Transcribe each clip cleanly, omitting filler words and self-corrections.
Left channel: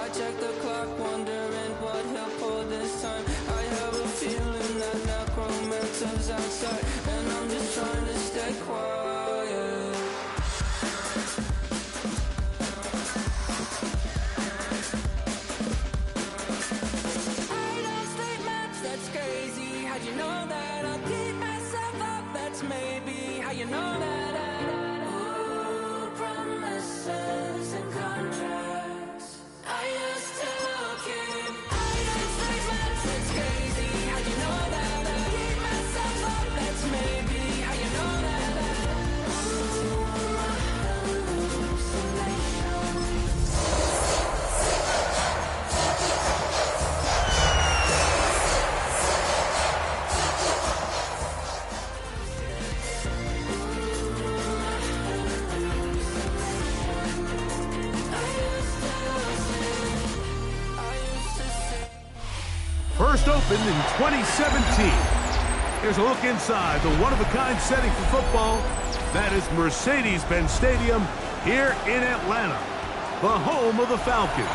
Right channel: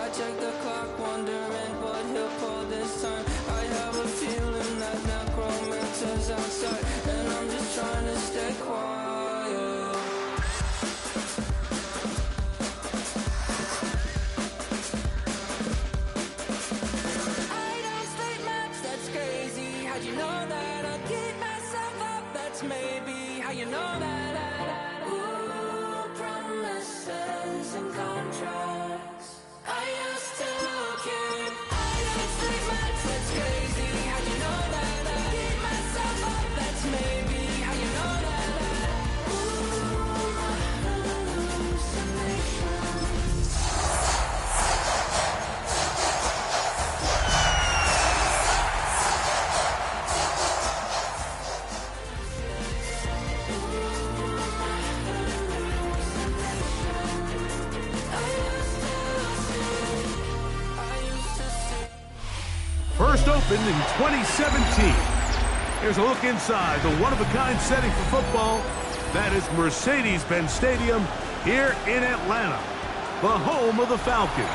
I check the clock, wondering what he'll pull this time. I have a feeling that necromancer's outside, and I'm just trying to stay quiet. I don't sleep much, that's crazy. How'd you know that? I'll keep myself up, that's maybe how you know that. Ooh, promises and contracts. I used to keep. I don't sleep much, that's crazy. How'd you know that? I keep myself up, that's maybe how you know that. Ooh, my hallucinations. First opened in 2017. Here's a look inside the one-of-a-kind setting for football. That is Mercedes-Benz Stadium here in Atlanta, the home of the Falcons.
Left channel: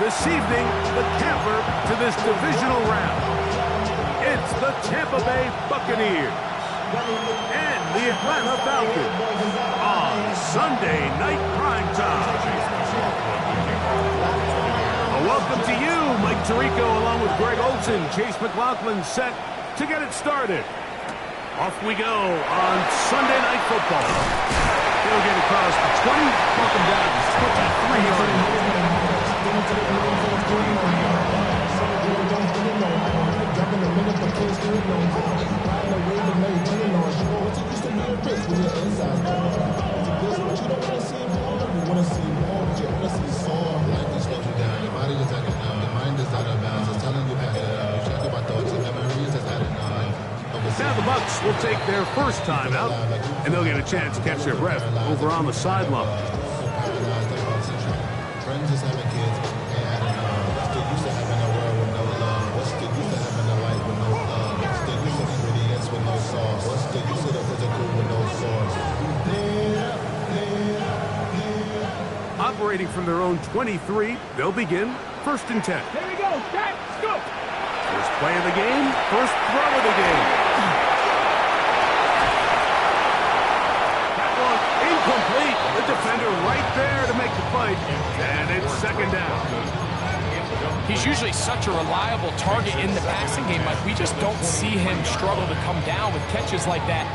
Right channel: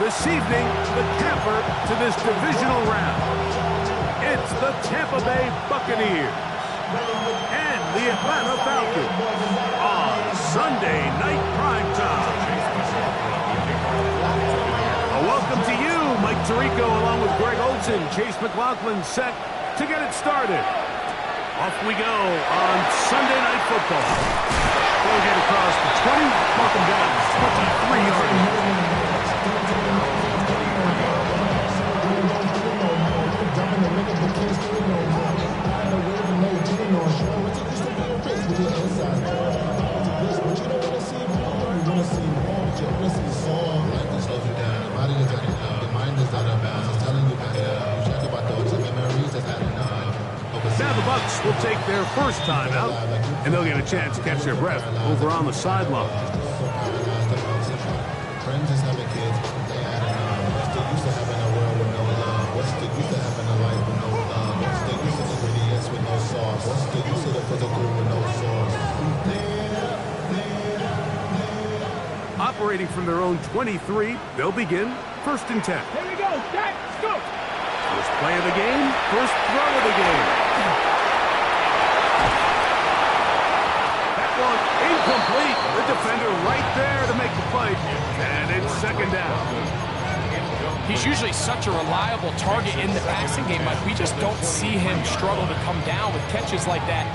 This evening, the capper to this divisional round. It's the Tampa Bay Buccaneers and the Atlanta Falcons on Sunday Night Primetime. Welcome to you, Mike Tirico, along with Greg Olson. Chase McLaughlin set to get it started. Off we go on Sunday Night Football. They'll get across the 20, welcome down to 23-yard line. Jumping the minute, but can't steer it no more. Riding a wave and maintaining on shore. What's it used to be a race when you're inside? But you don't want to see more. You want to see more, but you want to see some. Life just slows you down. Your body is acting up. Your mind is out of bounds. It's telling you back it up. You check about thoughts and memories that's adding on. Now the Bucs will take their first time out, and they'll get a chance to catch their breath over on the sideline. Friends is having kids. They adding on. What's the use of having a world with no love? What's the use of having a life with no love? What's the use of ingredients with no sauce? What's the use of the physical with no source? Operating from their own 23, they'll begin first and 10. Here we go, set, go! First play of the game, first throw of the game. That one incomplete. The defender right there to make the play, and it's second down. He's usually such a reliable target in the passing game, Mike. We just don't see him struggle to come down with catches like that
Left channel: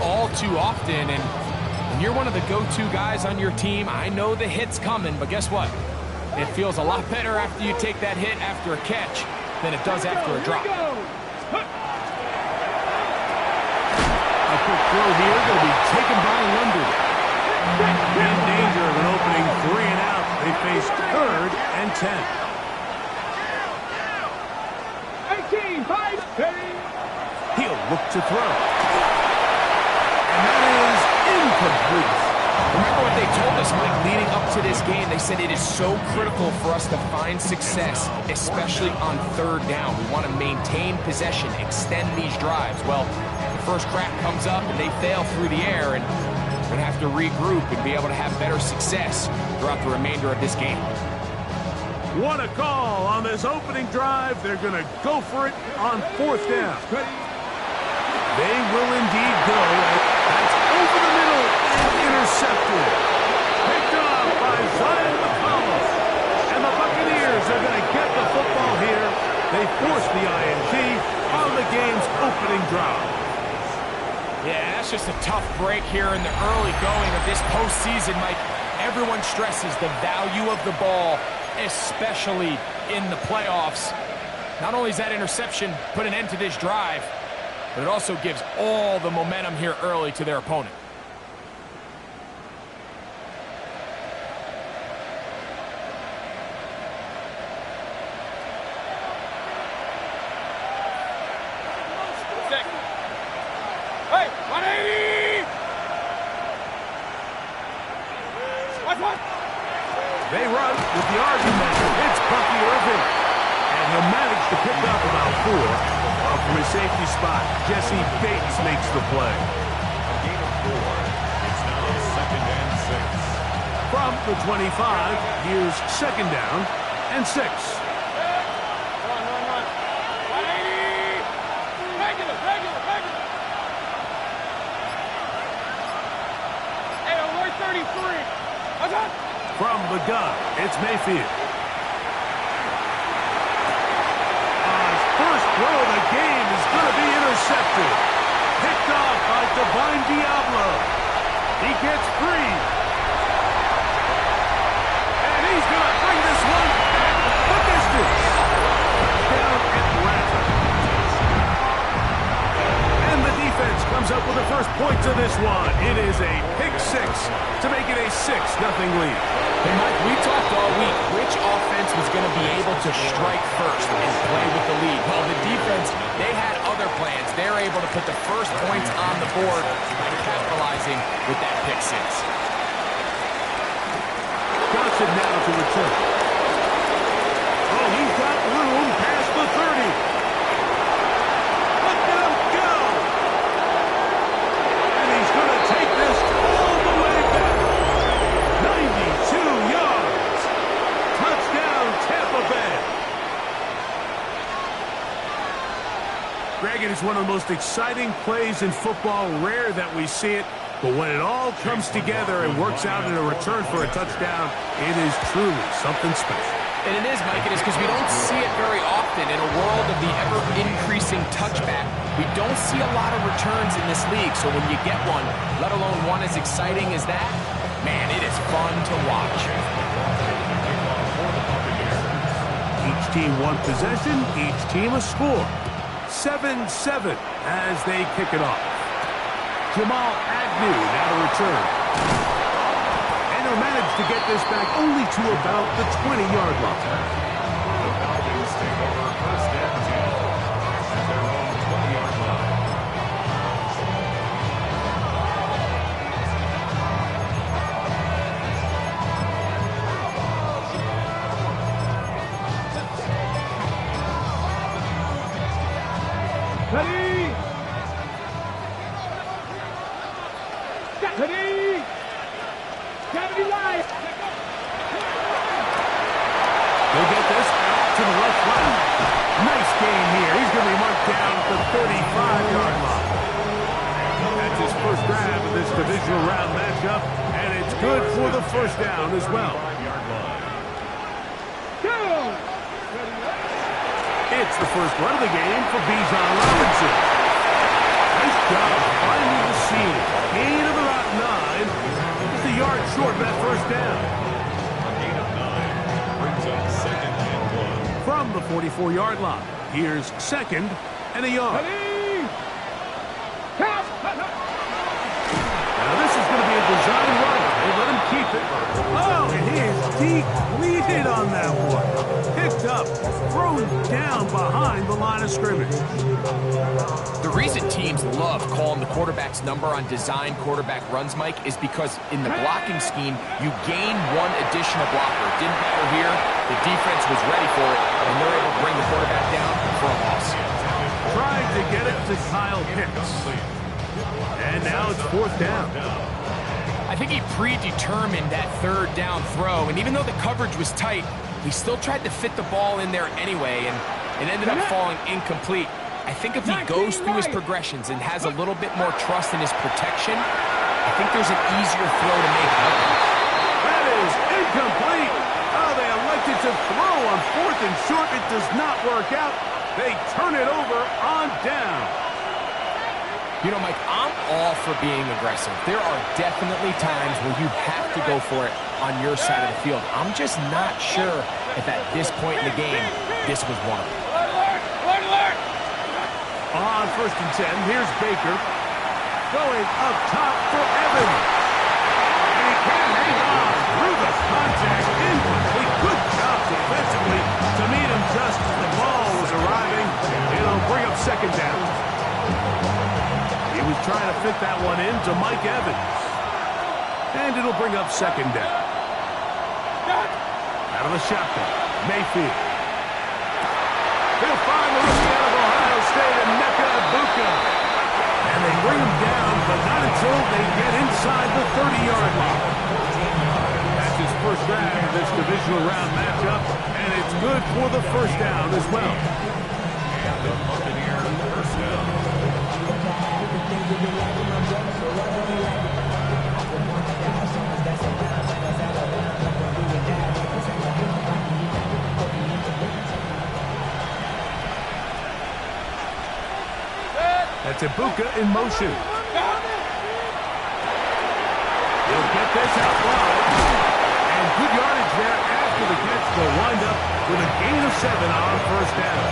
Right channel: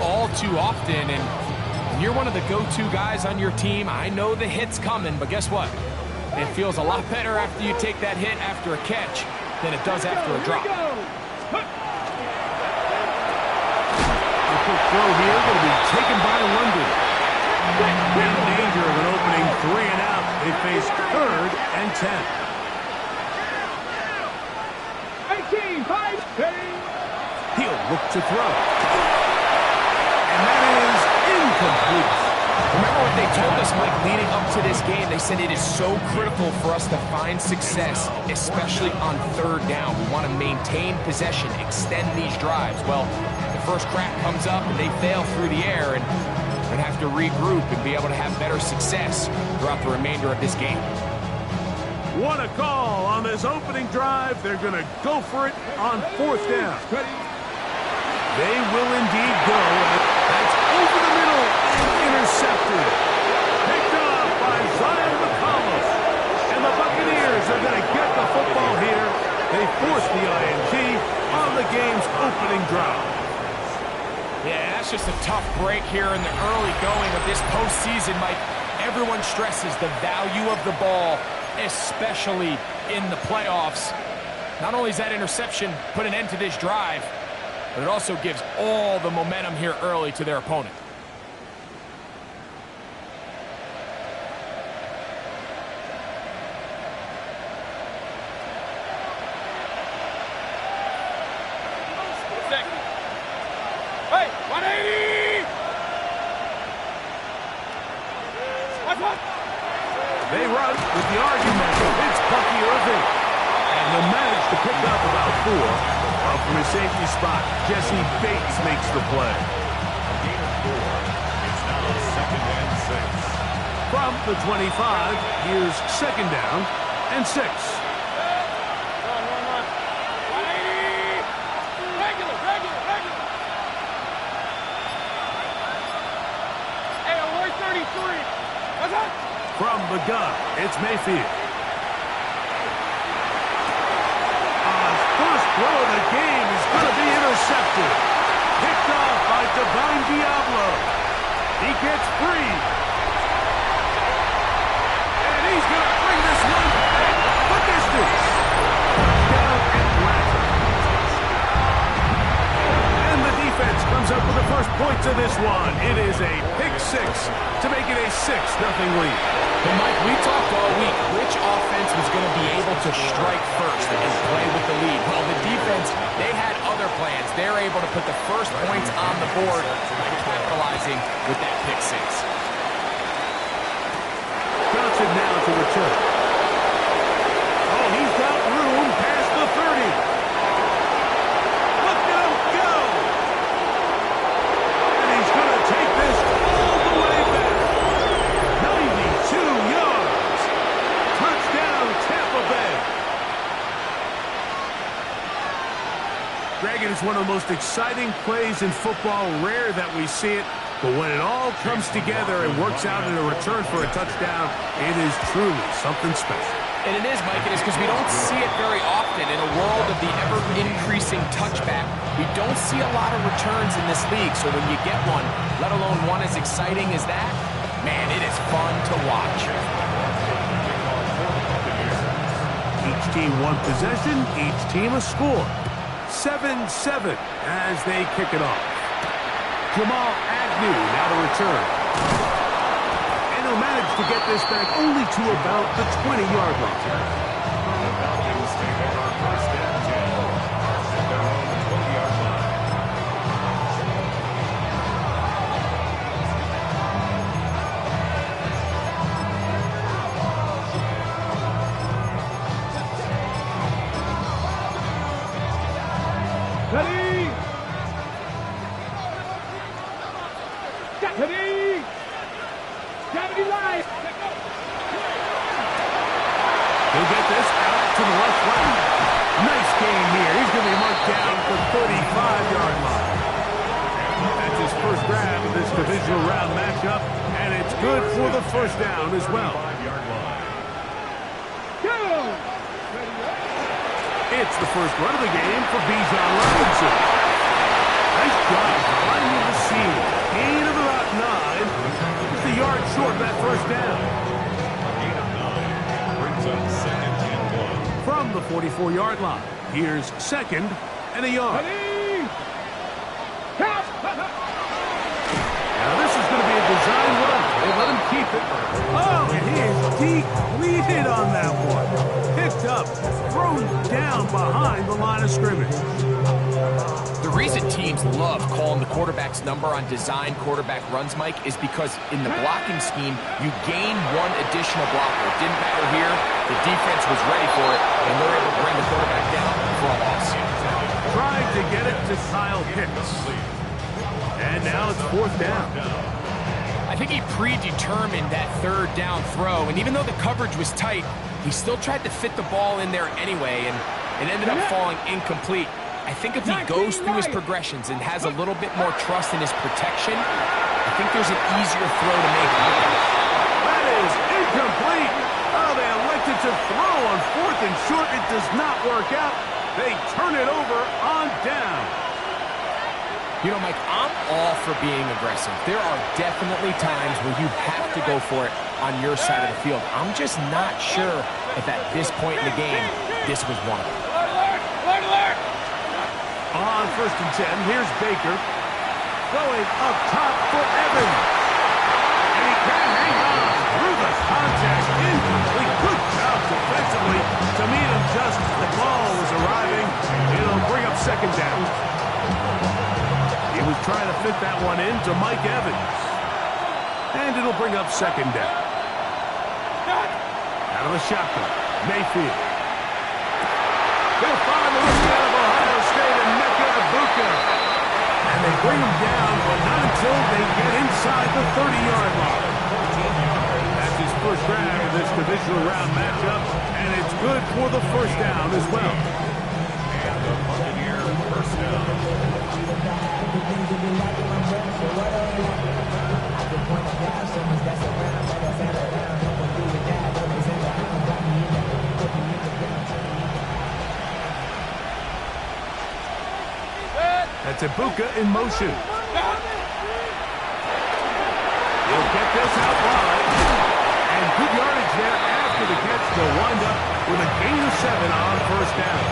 all too often. And when you're one of the go-to guys on your team, I know the hit's coming, but guess what? It feels a lot better after you take that hit after a catch than it does after a drop. A quick throw here, going to be taken by London. In danger of an opening 3 and out. They face third and 10. 18, 5, He'll look to throw. And that is incomplete. Remember what they told us, Mike, leading up to this game. They said it is so critical for us to find success, especially on third down. We want to maintain possession, extend these drives. Well, the first crack comes up and they fail through the air, and we're going to have to regroup and be able to have better success throughout the remainder of this game. What a call on this opening drive. They're going to go for it on fourth down. They will indeed go. That's over the middle and intercepted. Picked up by Zion McCollum. And the Buccaneers are going to get the football here. They force the INT on the game's opening drive. Yeah, that's just a tough break here in the early going of this postseason, Mike. Everyone stresses the value of the ball, especially in the playoffs. Not only does that interception put an end to this drive, but it also gives all the momentum here early to their opponent. Hey, 180! What? They run with the argument. It's Bucky Irving. And he'll manage to pick up about 4. From his safety spot, Jesse Bates makes the play. A gain of 4. It's now 2nd and 6. From From the 25, here's second down and 6. Run. 180. Regular. Hey, alert 33. What's up? From the gun, it's Mayfield. His first throw of the game is going to be intercepted. Picked off by Divine Diablo. He gets free. And he's going to bring this one back the distance. Touchdown Atlanta. And the defense comes up with the first points of this one. It is a pick 6 to make it a 6-0 lead. Hey, Mike, we talked all week which offense was going to be able to strike first and play with the lead. Well, the defense, they had other plans. They're able to put the first points on the board by capitalizing with that pick 6. Johnson now to return. Oh, he's got room past the 30. Look at him go! And he's going to take this all the way back. 92 yards. Touchdown, Tampa Bay. Greg, it is one of the most exciting plays in football. Rare that we see it. But when it all comes together and works out in a return for a touchdown, it is truly something special. And it is, Mike, it is because we don't see it very often. In a world of the ever-increasing touchback, we don't see a lot of returns in this league. So when you get one, let alone one as exciting as that, man, it is fun to watch. Each team one possession, each team a score. 7-7 as they kick it off. Jamal Agnew now to return. And he'll manage to get this back only to about the 20-yard line. The Falcons take over first and 10 at their own 20-yard line. Ready. Ready. Gravity live. He'll get this out to the left flat. Nice game here. He's going to be marked down at the 35-yard line. That's his first grab of this divisional round matchup, and it's good for the first down as well. Go. It's the first run of the game for Bijan Robinson. Nice job finding the seam. Gain of about 9. Just a yard short of that first down. A gain of 9 brings up second and 1. From the 44-yard line, here's second and a yard. Ready. Count. Now this is going to be a design run. They let him keep it. Oh, and he is depleted on that one. Picked up, thrown down behind the line of scrimmage. The reason teams love calling the quarterback's number on design quarterback runs, Mike, is because in the blocking scheme, you gain one additional blocker. It didn't matter here. The defense was ready for it, and they're able to bring the quarterback down for a loss. Trying to get it to Kyle Pitts. And now it's fourth down. I think he predetermined that third down throw, and even though the coverage was tight, he still tried to fit the ball in there anyway, and it ended up falling incomplete. I think if he goes through his progressions and has a little bit more trust in his protection, I think there's an easier throw to make out there. That is incomplete. Oh, they elected to throw on fourth and short. It does not work out. They turn it over on down. You know, Mike, I'm all for being aggressive. There are definitely times where you have to go for it on your side of the field. I'm just not sure if at this point in the game, this was one of them. Alert. On first and 10, here's Baker. Going up top for Evans. And he can't hang on through the contact. Incomplete. Good job defensively to meet him just as the ball was arriving. It'll bring up second down. He was trying to fit that one in to Mike Evans. And it'll bring up second down. Out of the shotgun, Mayfield. He'll find the rookie out of Ohio State, Emeka Egbuka. And they bring him down, but not until they get inside the 30-yard line. That's his first grab of this divisional round matchup, and it's good for the first down as well. And the Buccaneer first down. That's Ibuka in motion. He'll get this out wide. And good yardage there after the catch. They'll wind up with a gain of 7 on first down.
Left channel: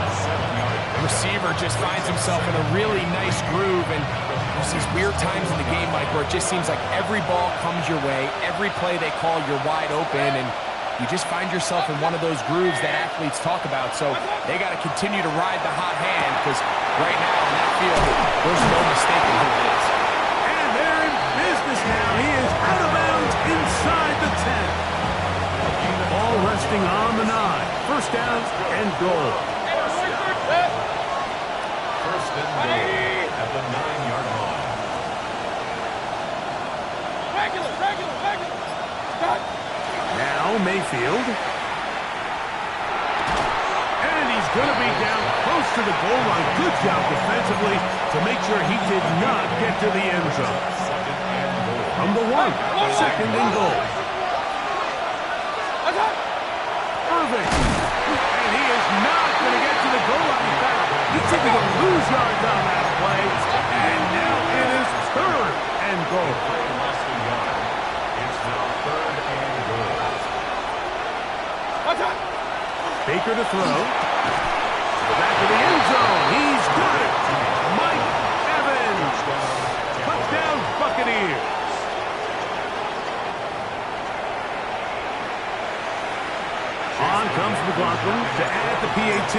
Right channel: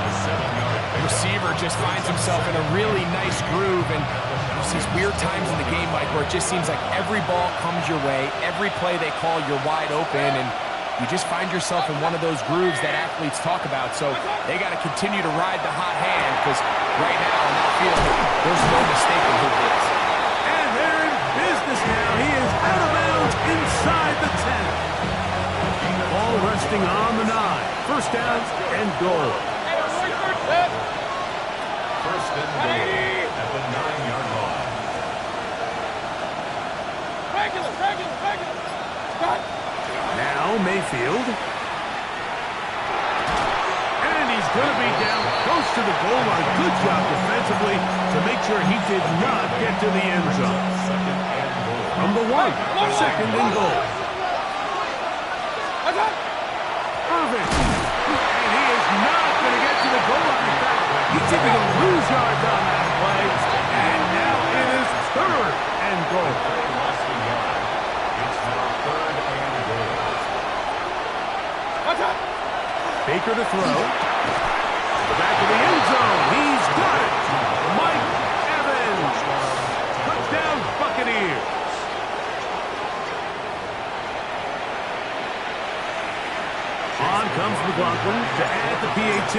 A 7-yard The receiver just finds himself in a really nice groove, and there's these weird times in the game, Mike, where it just seems like every ball comes your way, every play they call, you're wide open, and you just find yourself in one of those grooves that athletes talk about. So they got to continue to ride the hot hand, because right now in that field, there's no mistaking who it is. And they're in business now. He is out of bounds inside the 10. Ball resting on the 9. First down and goal. First and goal at the 9-yard line. Regular. Cut. Now Mayfield. And he's going to be down close to the goal line. Good job defensively to make sure he did not get to the end zone. Second and goal. From the 1, second and goal. Irving. And he is not going to get to the goal line. In fact, he's going to lose yards on that play. And now it is third and goal. Play lost a yard. It's now third and goal. Baker to throw. To the back of the end zone. He's got it. Mike Evans. Touchdown Buccaneers. On comes McLaughlin to add the PAT.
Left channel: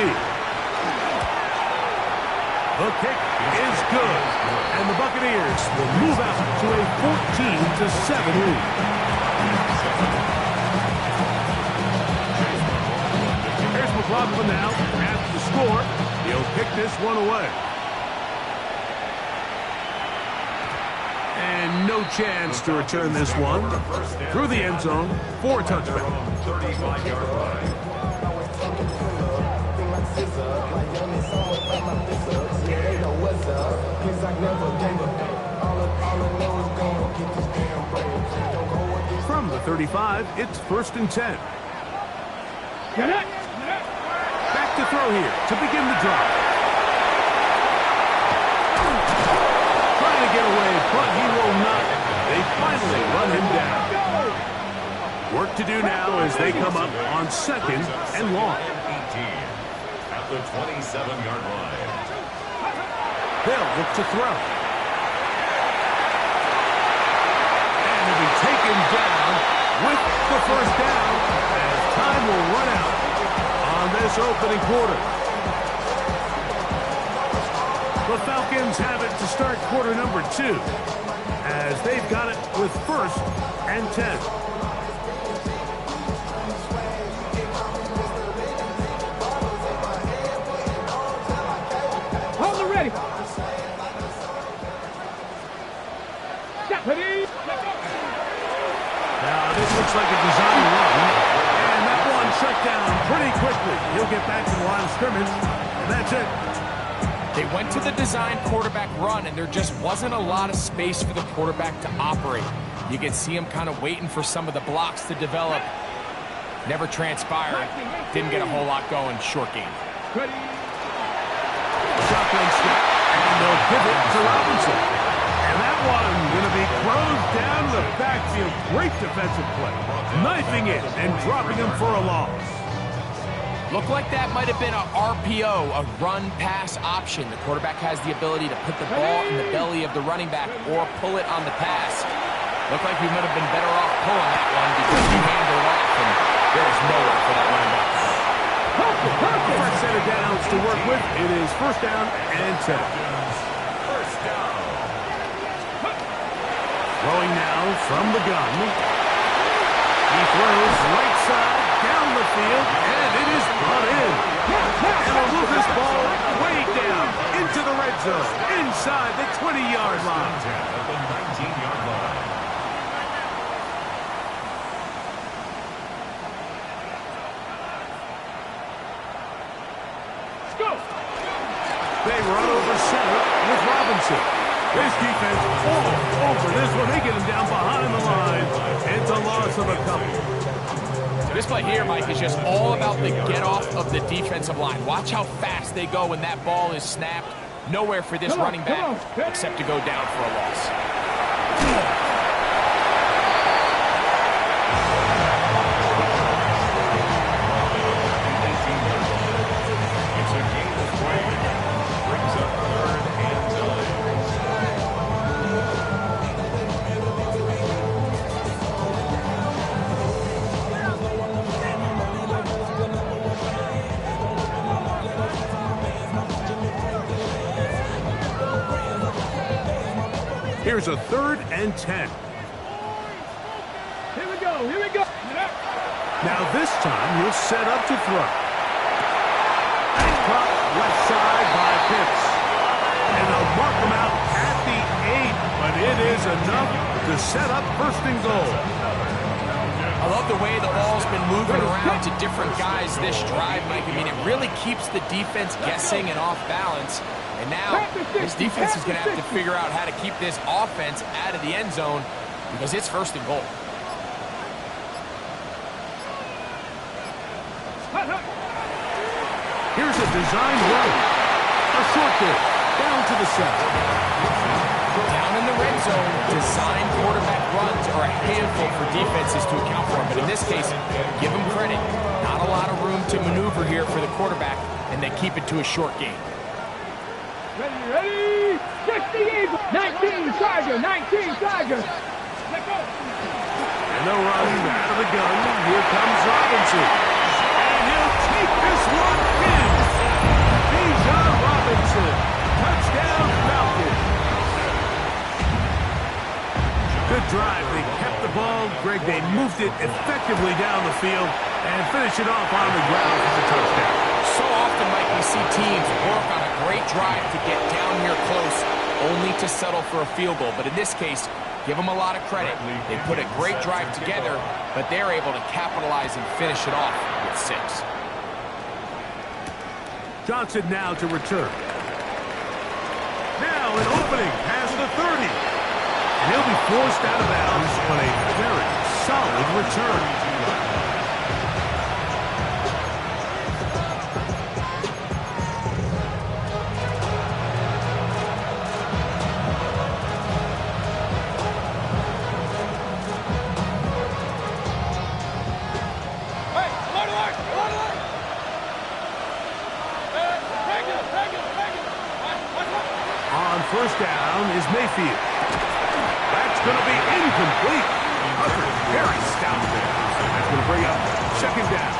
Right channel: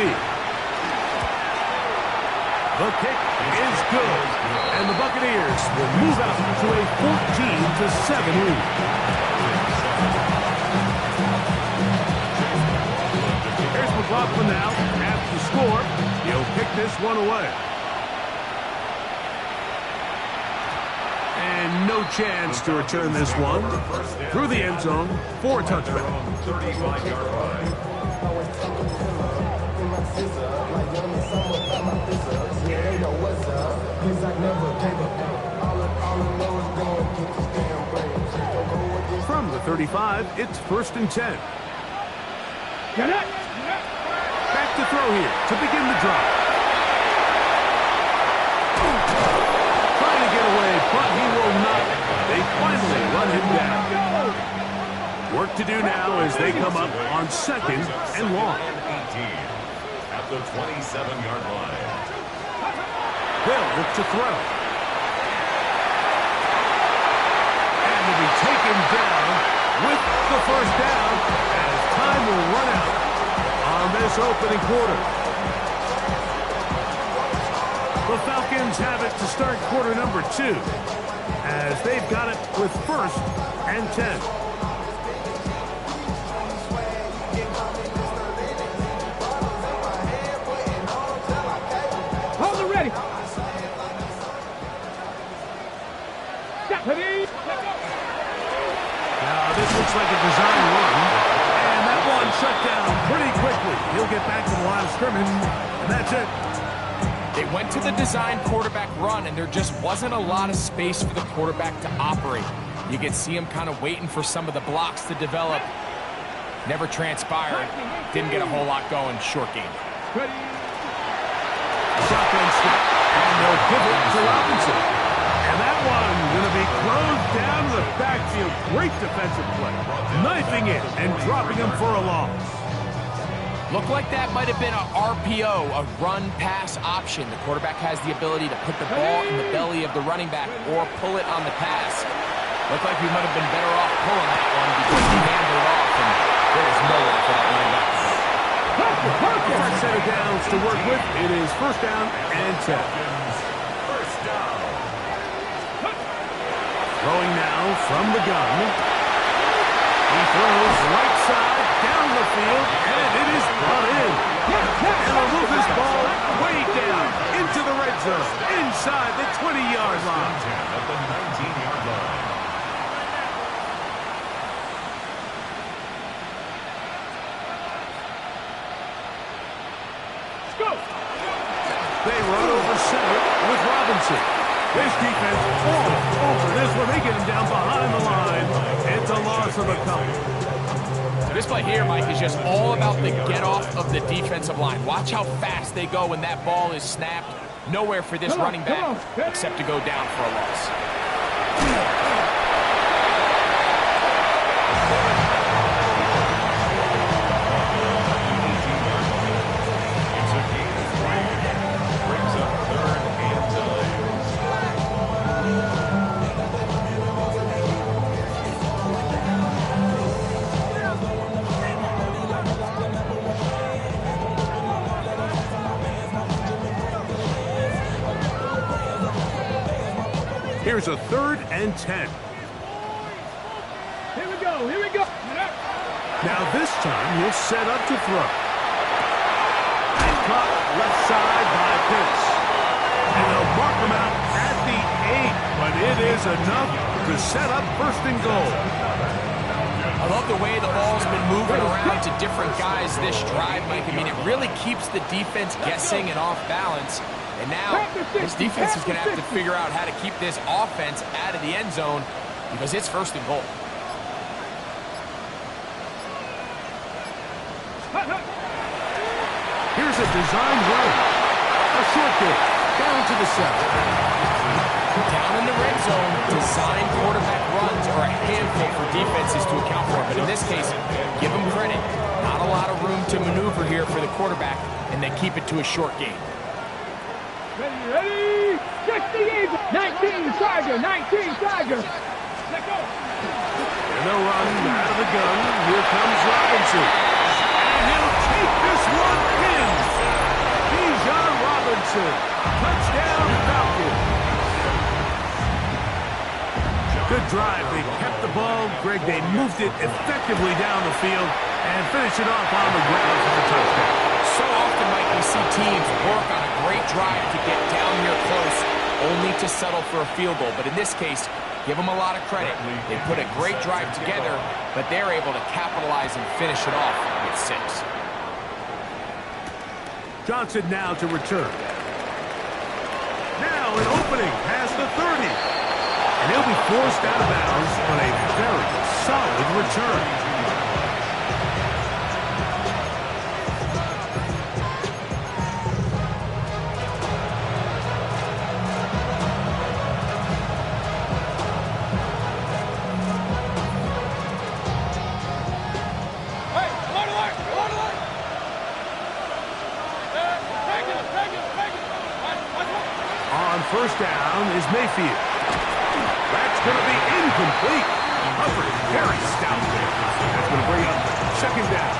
The kick is good. And the Buccaneers will move out to a 14-7 lead. Here's McLaughlin now after the score. He'll kick this one away. And no chance to return this one. Through the end zone for a touchback. 35-yard line. From the 35, it's first and 10. Get it. Back to throw here to begin the drive. Trying to get away, but he will not. They finally run him down. Work to do now as they come up on second and long. 18 at the 27-yard line. They'll look to throw. And to be taken down with the first down as time will run out on this opening quarter. The Falcons have it to start quarter number 2 as they've got it with first and 10. Hold it ready. Now this looks like a design run, and that one shut down pretty quickly. He'll get back to the line of scrimmage, and that's it. They went to the design quarterback run, and there just wasn't a lot of space for the quarterback to operate. You could see him kind of waiting for some of the blocks to develop. Never transpired. Didn't get a whole lot going. Short game. Shotgun snap, and they'll give it to Robinson. And that one going to be closed down to the backfield. Great defensive play. Knifing it and dropping him for a loss. Looked like that might have been a RPO, a run-pass option. The quarterback has the ability to put the ball in the belly of the running back or pull it on the pass. Looked like we might have been better off pulling that one because he handed it off, and there's nowhere for that running back to go. First set of downs to work with. It is first down and 10. First down. Throwing now from the gun. He throws right side down the field, and it is brought in. And they'll move this ball way down into the red zone, inside the 20-yard line. At the 19-yard line. They run over center with Robinson. This defense all over this one. They get him down behind the line. It's a loss of a couple. So this play here, Mike, is just all about the get-off of the defensive line. Watch how fast they go when that ball is snapped. Nowhere for this running back except to go down for a loss. It's a gain of 3. Brings up 3rd and 9. Here's a 3rd and 10. Here we go. Here we go. Now this time he'll set up to throw. And caught left side by Pitts. And they'll mark him out at the 8. But it is enough to set up 1st and goal. I love the way the ball's been moving around to different guys this drive, Mike. I mean, it really keeps the defense guessing and off balance. And now this defense is going to have to figure out how to keep this offense out of the end zone because it's 1st and goal. Here's a designed run. A short game. Down to the 7. Down in the red zone, designed quarterback runs are a handful for defenses to account for. But in this case, give them credit. Not a lot of room to maneuver here for the quarterback, and they keep it to a short game. Ready? 60 Eagle. 19 Tiger. 19 Tiger. Let go. And they'll run out of the gun. Here comes Robinson. And he'll take this one in. Bijan Robinson. Touchdown, Falcons. Good drive. They kept the ball. Greg, they moved it effectively down the field and finish it off on the ground for the touchdown. So often, Mike, we see teams work on a great drive to get down here close, only to settle for a field goal. But in this case, give them a lot of credit. They put a great drive together, but they're able to capitalize and finish it off with 6. Johnson now to return. Now an opening past the 30. And he'll be forced out of bounds on a very solid return. On 1st down is Mayfield. That's going to be incomplete. Covered very stout there. That's going to bring up 2nd down.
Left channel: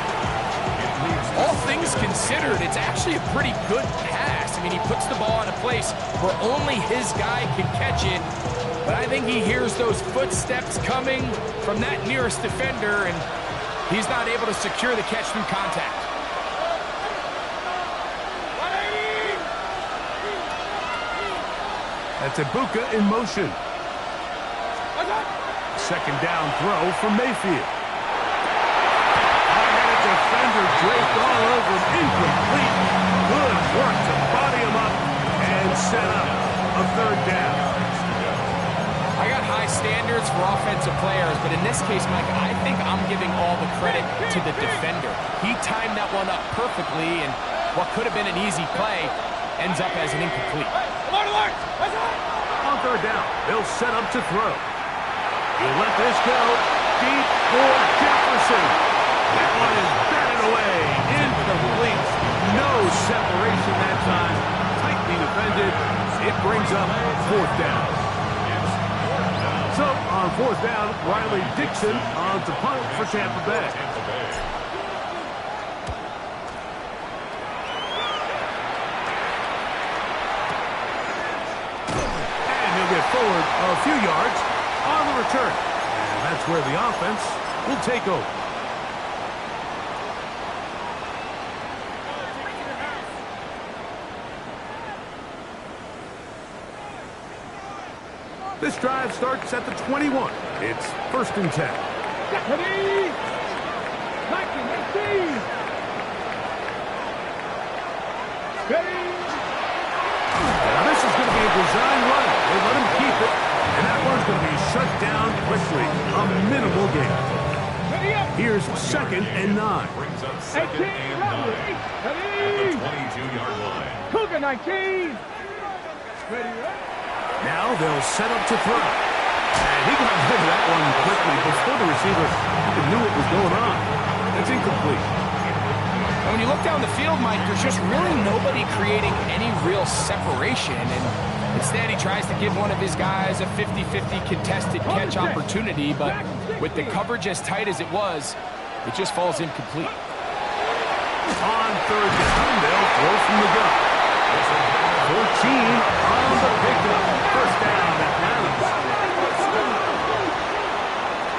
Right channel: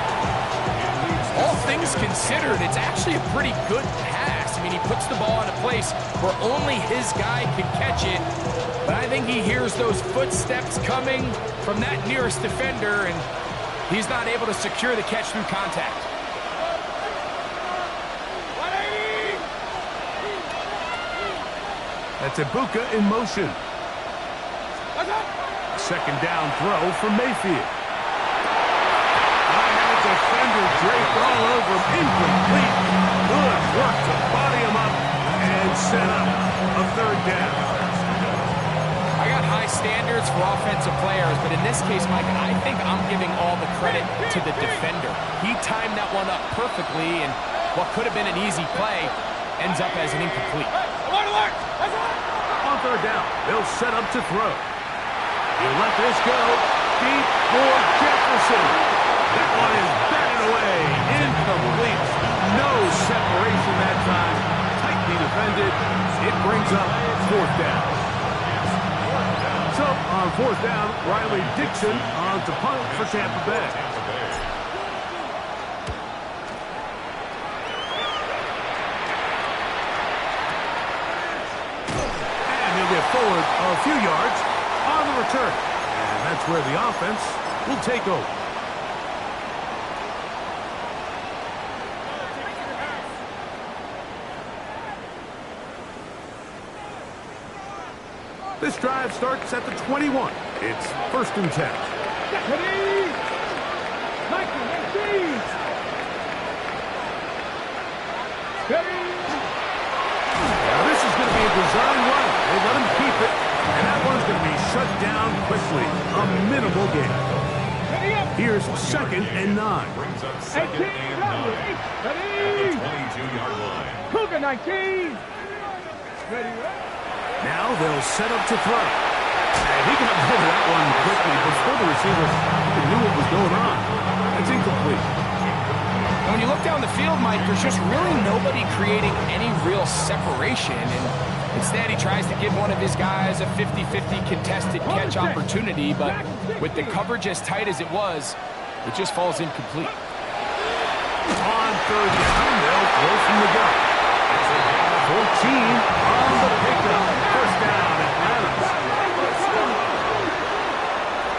All things considered, it's actually a pretty good pass. I mean, he puts the ball in a place where only his guy can catch it. But I think he hears those footsteps coming from that nearest defender, and he's not able to secure the catch through contact. That's Ibuka in motion. 2nd down throw from Mayfield. I had a defender draped all over him. Incomplete. Good work to body him up and set up a 3rd down. I got high standards for offensive players, but in this case, Mike, I think I'm giving all the credit to the defender. He timed that one up perfectly, and what could have been an easy play ends up as an incomplete. On 3rd down, they'll set up to throw. He'll let this go deep for Jefferson. That one is batted away. Incomplete. No separation that time. Tightly defended. It brings up 4th down. So on 4th down, Riley Dixon on to punt for Tampa Bay. And he'll get forward a few yards on the return. And that's where the offense will take over. This drive starts at the 21. It's 1st and 10. Ready? 19, 18. Now this is going to be a design run. They let him keep it, and that one's going to be shut down quickly. A minimal gain. Here's 2nd and 9. Brings up 2nd and 9 at the 22-yard line. Cougar 19. Now they'll set up to throw. And he got rid of that one quickly before the receiver even knew what was going on. That's incomplete. And when you look down the field, Mike, there's just really nobody creating any real separation. And instead, he tries to give one of his guys a 50-50 contested catch opportunity. But with the coverage as tight as it was, it just falls incomplete. On 3rd down, they'll throw from the gun. 14 on the pickup. 1st down, Atlanta.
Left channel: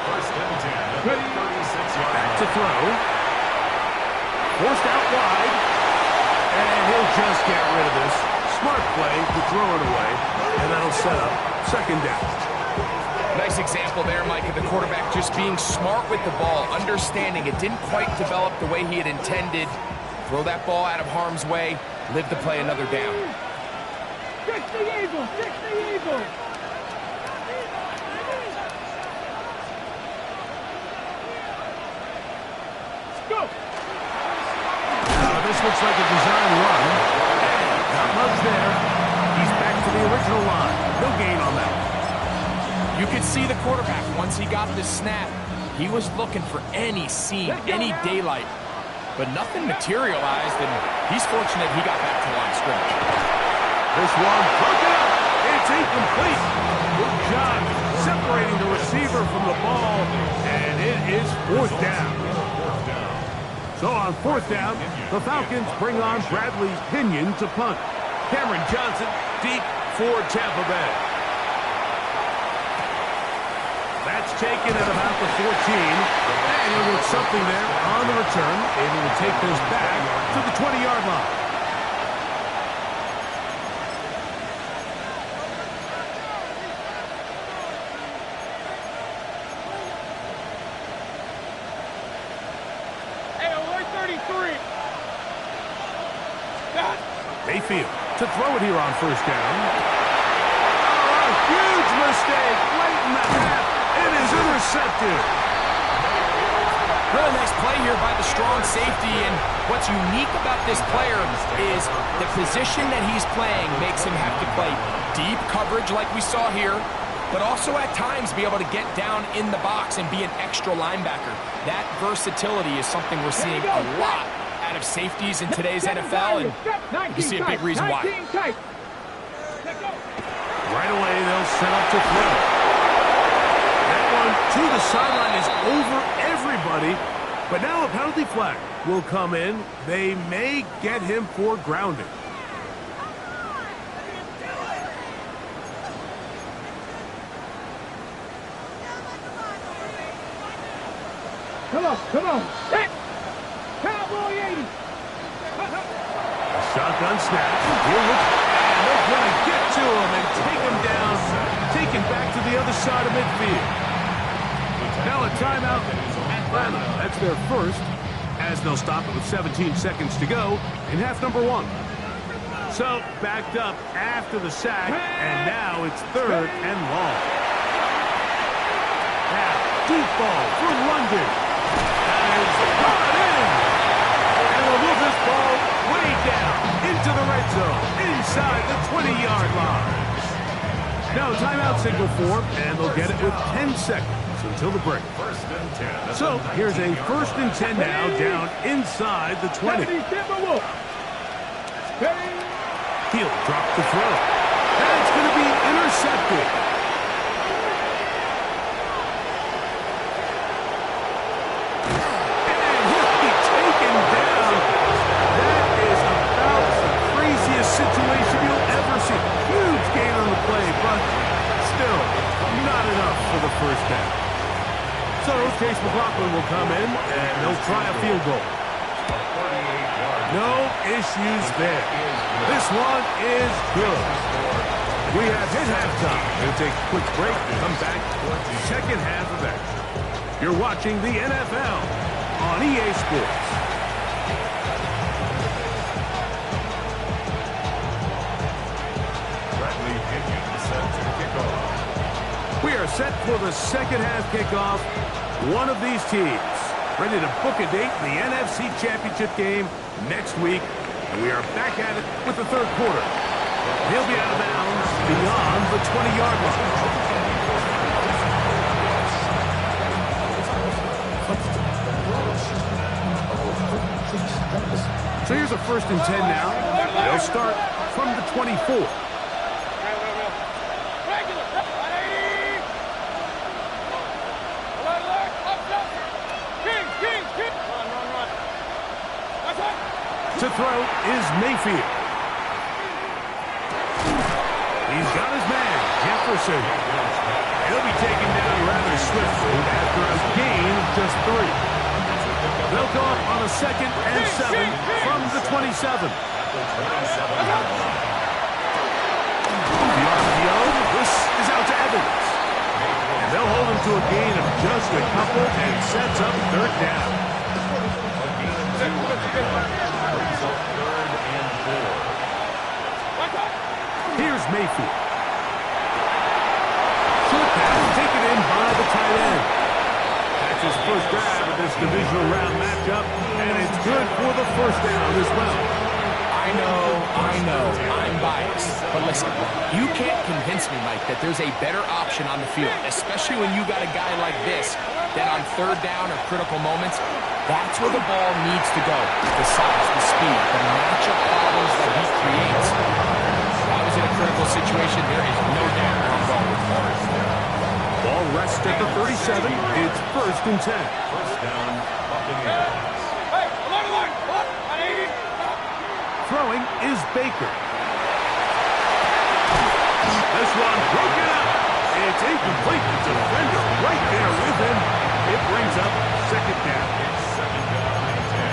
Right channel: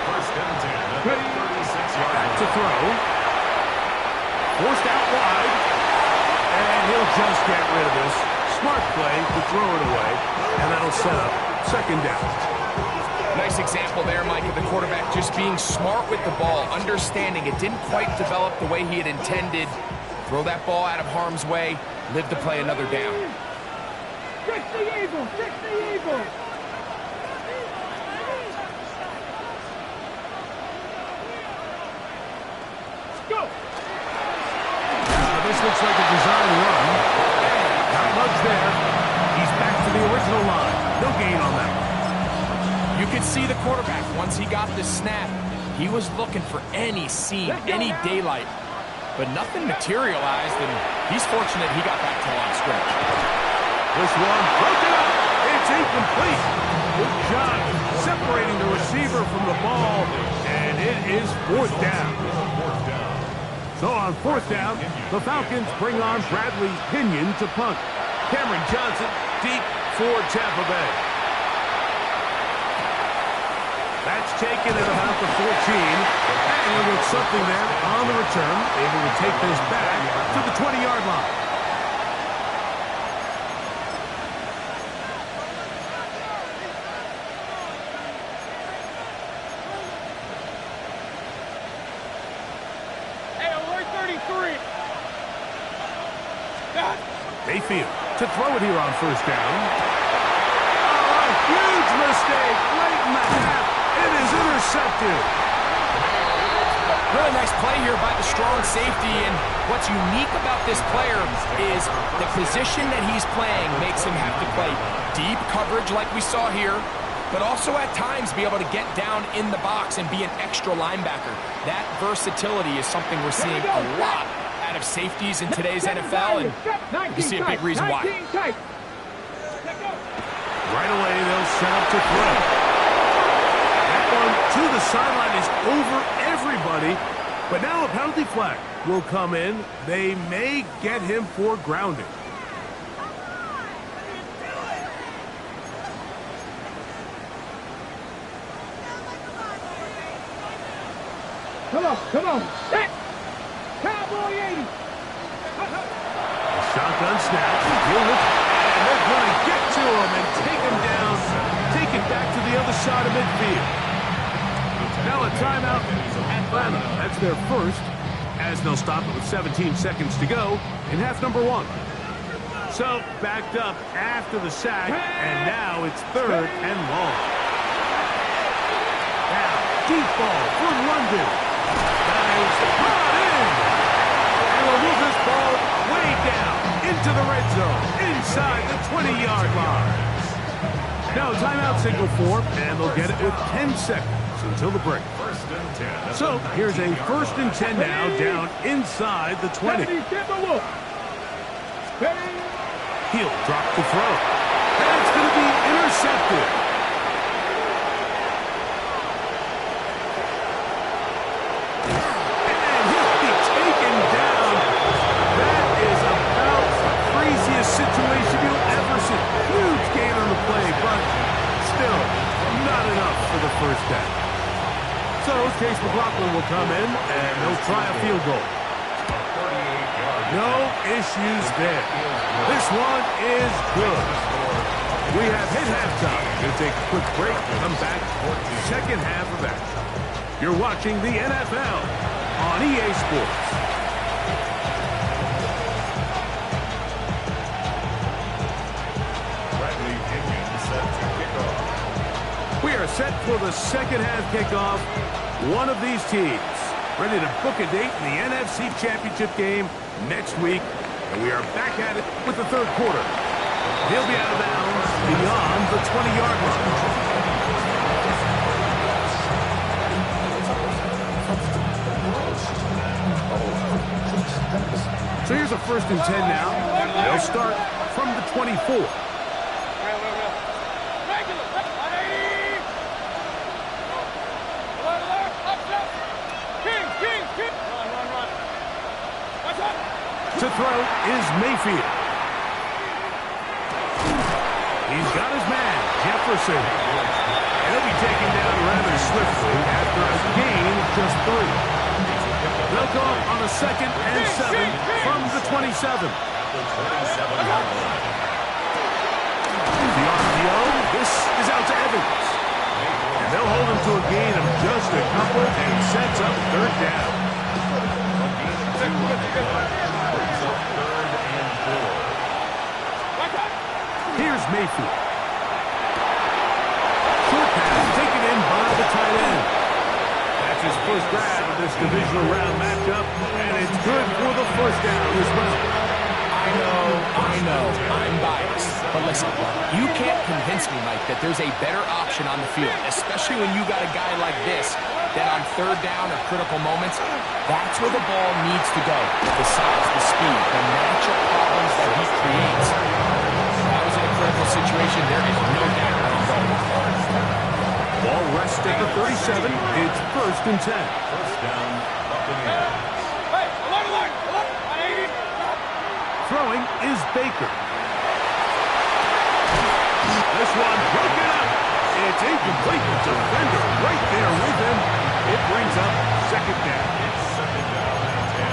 1st and 10 at the 36-yard Back line. to throw. Forced out wide. And he'll just get rid of this. Smart play to throw it away. And that'll set up 2nd down. Nice example there, Mike, of the quarterback just being smart with the ball, understanding it didn't quite develop the way he had intended. Throw that ball out of harm's way, live to play another down. 60 Eagles, 60 Eagles. Go. This looks like a design run. And not much there. He's back to the original line. No gain on that one. You could see the quarterback, once he got the snap, he was looking for any seam, any daylight. But nothing materialized, and he's fortunate he got back to the line of scrimmage. This one broken up. It's incomplete. Good job separating the receiver from the ball, and it is 4th down. So on 4th down, the Falcons bring on Bradley Pinion to punt. Cameron Johnson deep for Tampa Bay. That's taken at about the 14, and he'll get something there on the return, able to take this back to the 20-yard line. Hey, alert 33. Mayfield to throw it here on 1st down. Oh, a huge mistake late in the half. It is intercepted. Really nice play here by the strong safety, and what's unique about this player is the position that he's playing makes him have to play deep coverage like we saw here, but also at times be able to get down in the box and be an extra linebacker. That versatility is something we're seeing a lot out of safeties in today's NFL, and you can see a big reason why. Right away, they'll set up to throw. That one to the sideline is over everybody, but now a penalty flag will come in. They may get him for grounding. Come on. Set. Cowboy 80. Shotgun snap. He'll look, and they're going to get to him and take him down, take it back to the other side of midfield. Now a timeout, Atlanta. That's their first, as they'll stop it with 17 seconds to go in half number 1. So backed up after the sack, and now it's 3rd and long. Now deep ball for London. That is brought in. And we'll move this ball way down into the red zone, inside the 20-yard line. Now timeout signal for, and they'll get it with 10 seconds until the break. 1st and 10. So here's a 1st and 10 now, down inside the 20. He'll drop the throw. That's going to be intercepted. And he'll be taken down. That is about the craziest situation you'll ever see. Huge gain on the play, but still not enough for the 1st down. So Chase McLaughlin will come in, and they'll try a field goal. No issues there. This one is good. We have hit halftime. We'll take a quick break, come back, second half of action. You're watching the NFL on EA Sports. set for the second half kickoff. One of these teams ready to book a date in the NFC Championship game next week. And we are back at it with the third quarter. He'll be out of bounds beyond the 20-yard line. So here's a 1st and 10 now. They'll start from the 24. To throw is Mayfield. He's got his man, Jefferson. He'll be taken down rather swiftly after a gain of just 3. They'll go up on a 2nd and 7 from the 27. The RPO, this is out to Evans. And they'll hold him to a gain of just a couple and sets up 3rd down. Brings up 3rd and 4. Here's Mayfield. Short pass taken in by the tight end. That's his first grab of this divisional round matchup, and it's good for the 1st down as well. I know, I'm biased. But listen, you can't convince me, Mike, that there's a better option on the field, especially when you got a guy like this that on 3rd down or critical moments, that's where the ball needs to go. The size, the speed, the matchup problems that he creates. If I was in a critical situation, there is no doubt where I'm going with the ball. Ball rests at the 37. It's 1st and 10. 1st down, Buccaneers. Throwing is Baker. This one broken up. It's incomplete. The defender right there with him. It brings up 2nd down.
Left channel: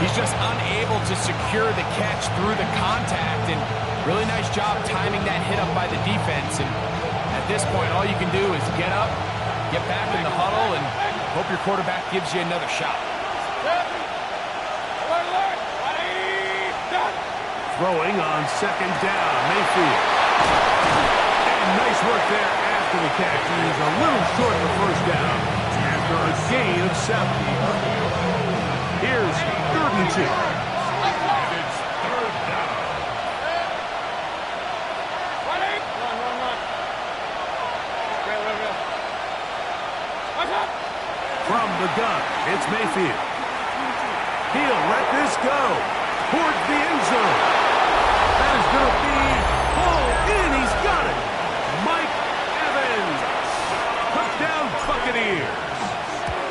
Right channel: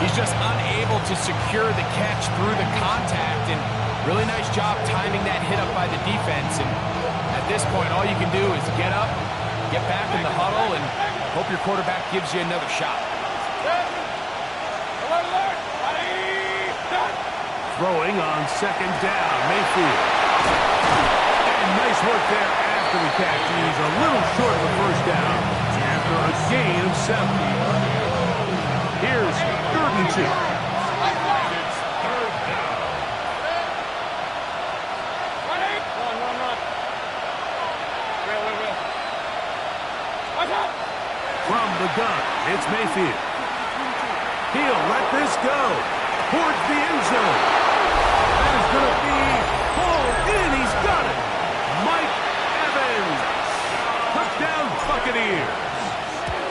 He's just unable to secure the catch through the contact, and really nice job timing that hit up by the defense. And at this point, all you can do is get up, get back in the huddle, and hope your quarterback gives you another shot. Throwing on 2nd down, Mayfield. And nice work there after the catch. He's a little short of the 1st down after a gain of 7. Here's 3rd and 2. And it's 3rd down. From the gun, it's Mayfield. He'll let this go towards the end zone. That is going to be pulled in. He's got it. Mike Evans. Touchdown Buccaneers.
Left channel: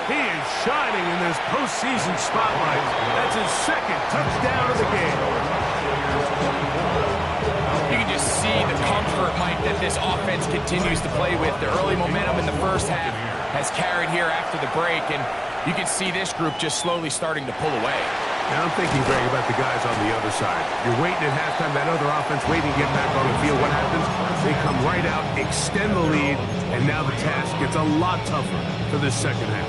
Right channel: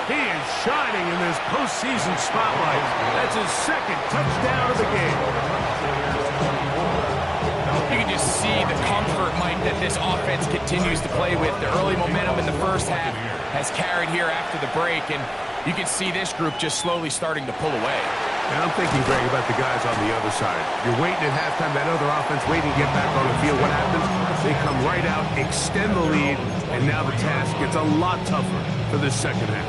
He is shining in this postseason spotlight. That's his 2nd touchdown of the game. You can just see the comfort, Mike, that this offense continues to play with. The early momentum in the 1st half has carried here after the break, and you can see this group just slowly starting to pull away. And I'm thinking, Greg, about the guys on the other side. You're waiting at halftime, that other offense waiting to get back on the field. What happens? They come right out, extend the lead, and now the task gets a lot tougher for this 2nd half.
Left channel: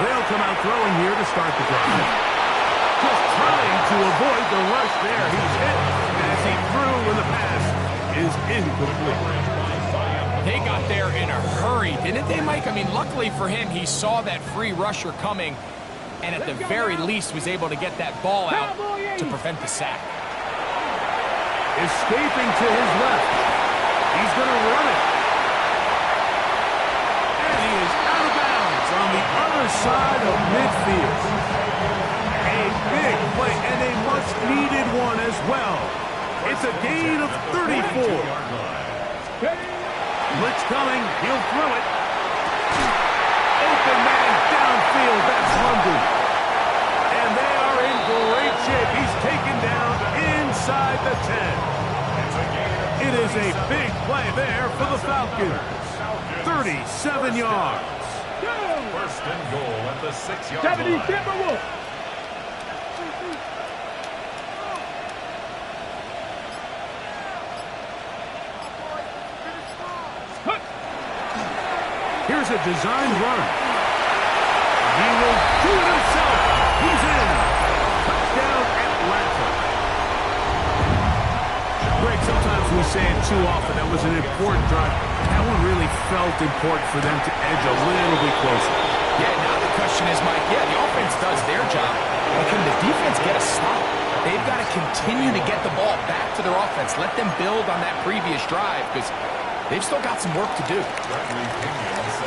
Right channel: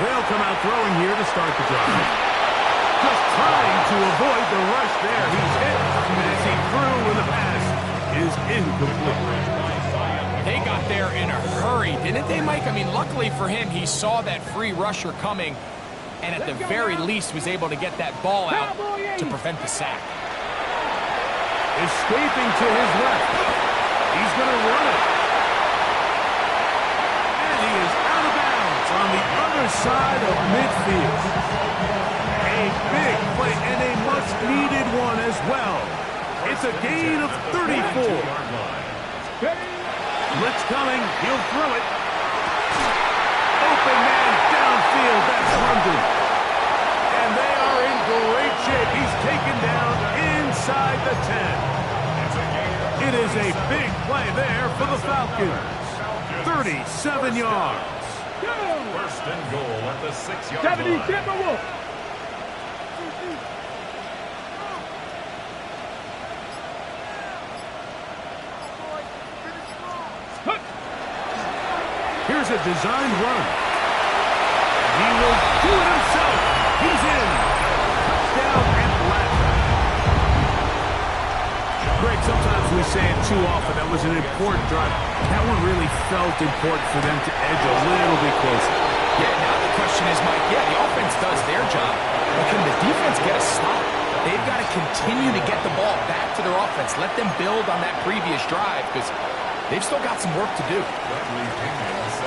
They'll come out throwing here to start the drive. Just trying to avoid the rush there. He's hit as he threw when the pass is incomplete. They got there in a hurry, didn't they, Mike? I mean, luckily for him, he saw that free rusher coming and at the very least was able to get that ball out to prevent the sack. Escaping to his left. He's going to run it. And he is out of bounds on the other side of midfield. A big play and a much-needed one as well. It's a gain of 34. Blitz coming. He'll throw it. Open man downfield. That's London. And they are in great shape. He's taken down inside the 10. It is a big play there for the Falcons. 37 yards. First and goal at the 6-yard 70 line. Timberwolves. Here's a designed run. He will do it himself. He's in. Touchdown, Atlanta. Greg, sometimes we say it too often. That was an important drive. That one really felt important for them to edge a little bit closer. Yeah, now the question is, Mike, yeah, the offense does their job, but can the defense get a stop? They've got to continue to get the ball back to their offense. Let them build on that previous drive, because they've still got some work to do.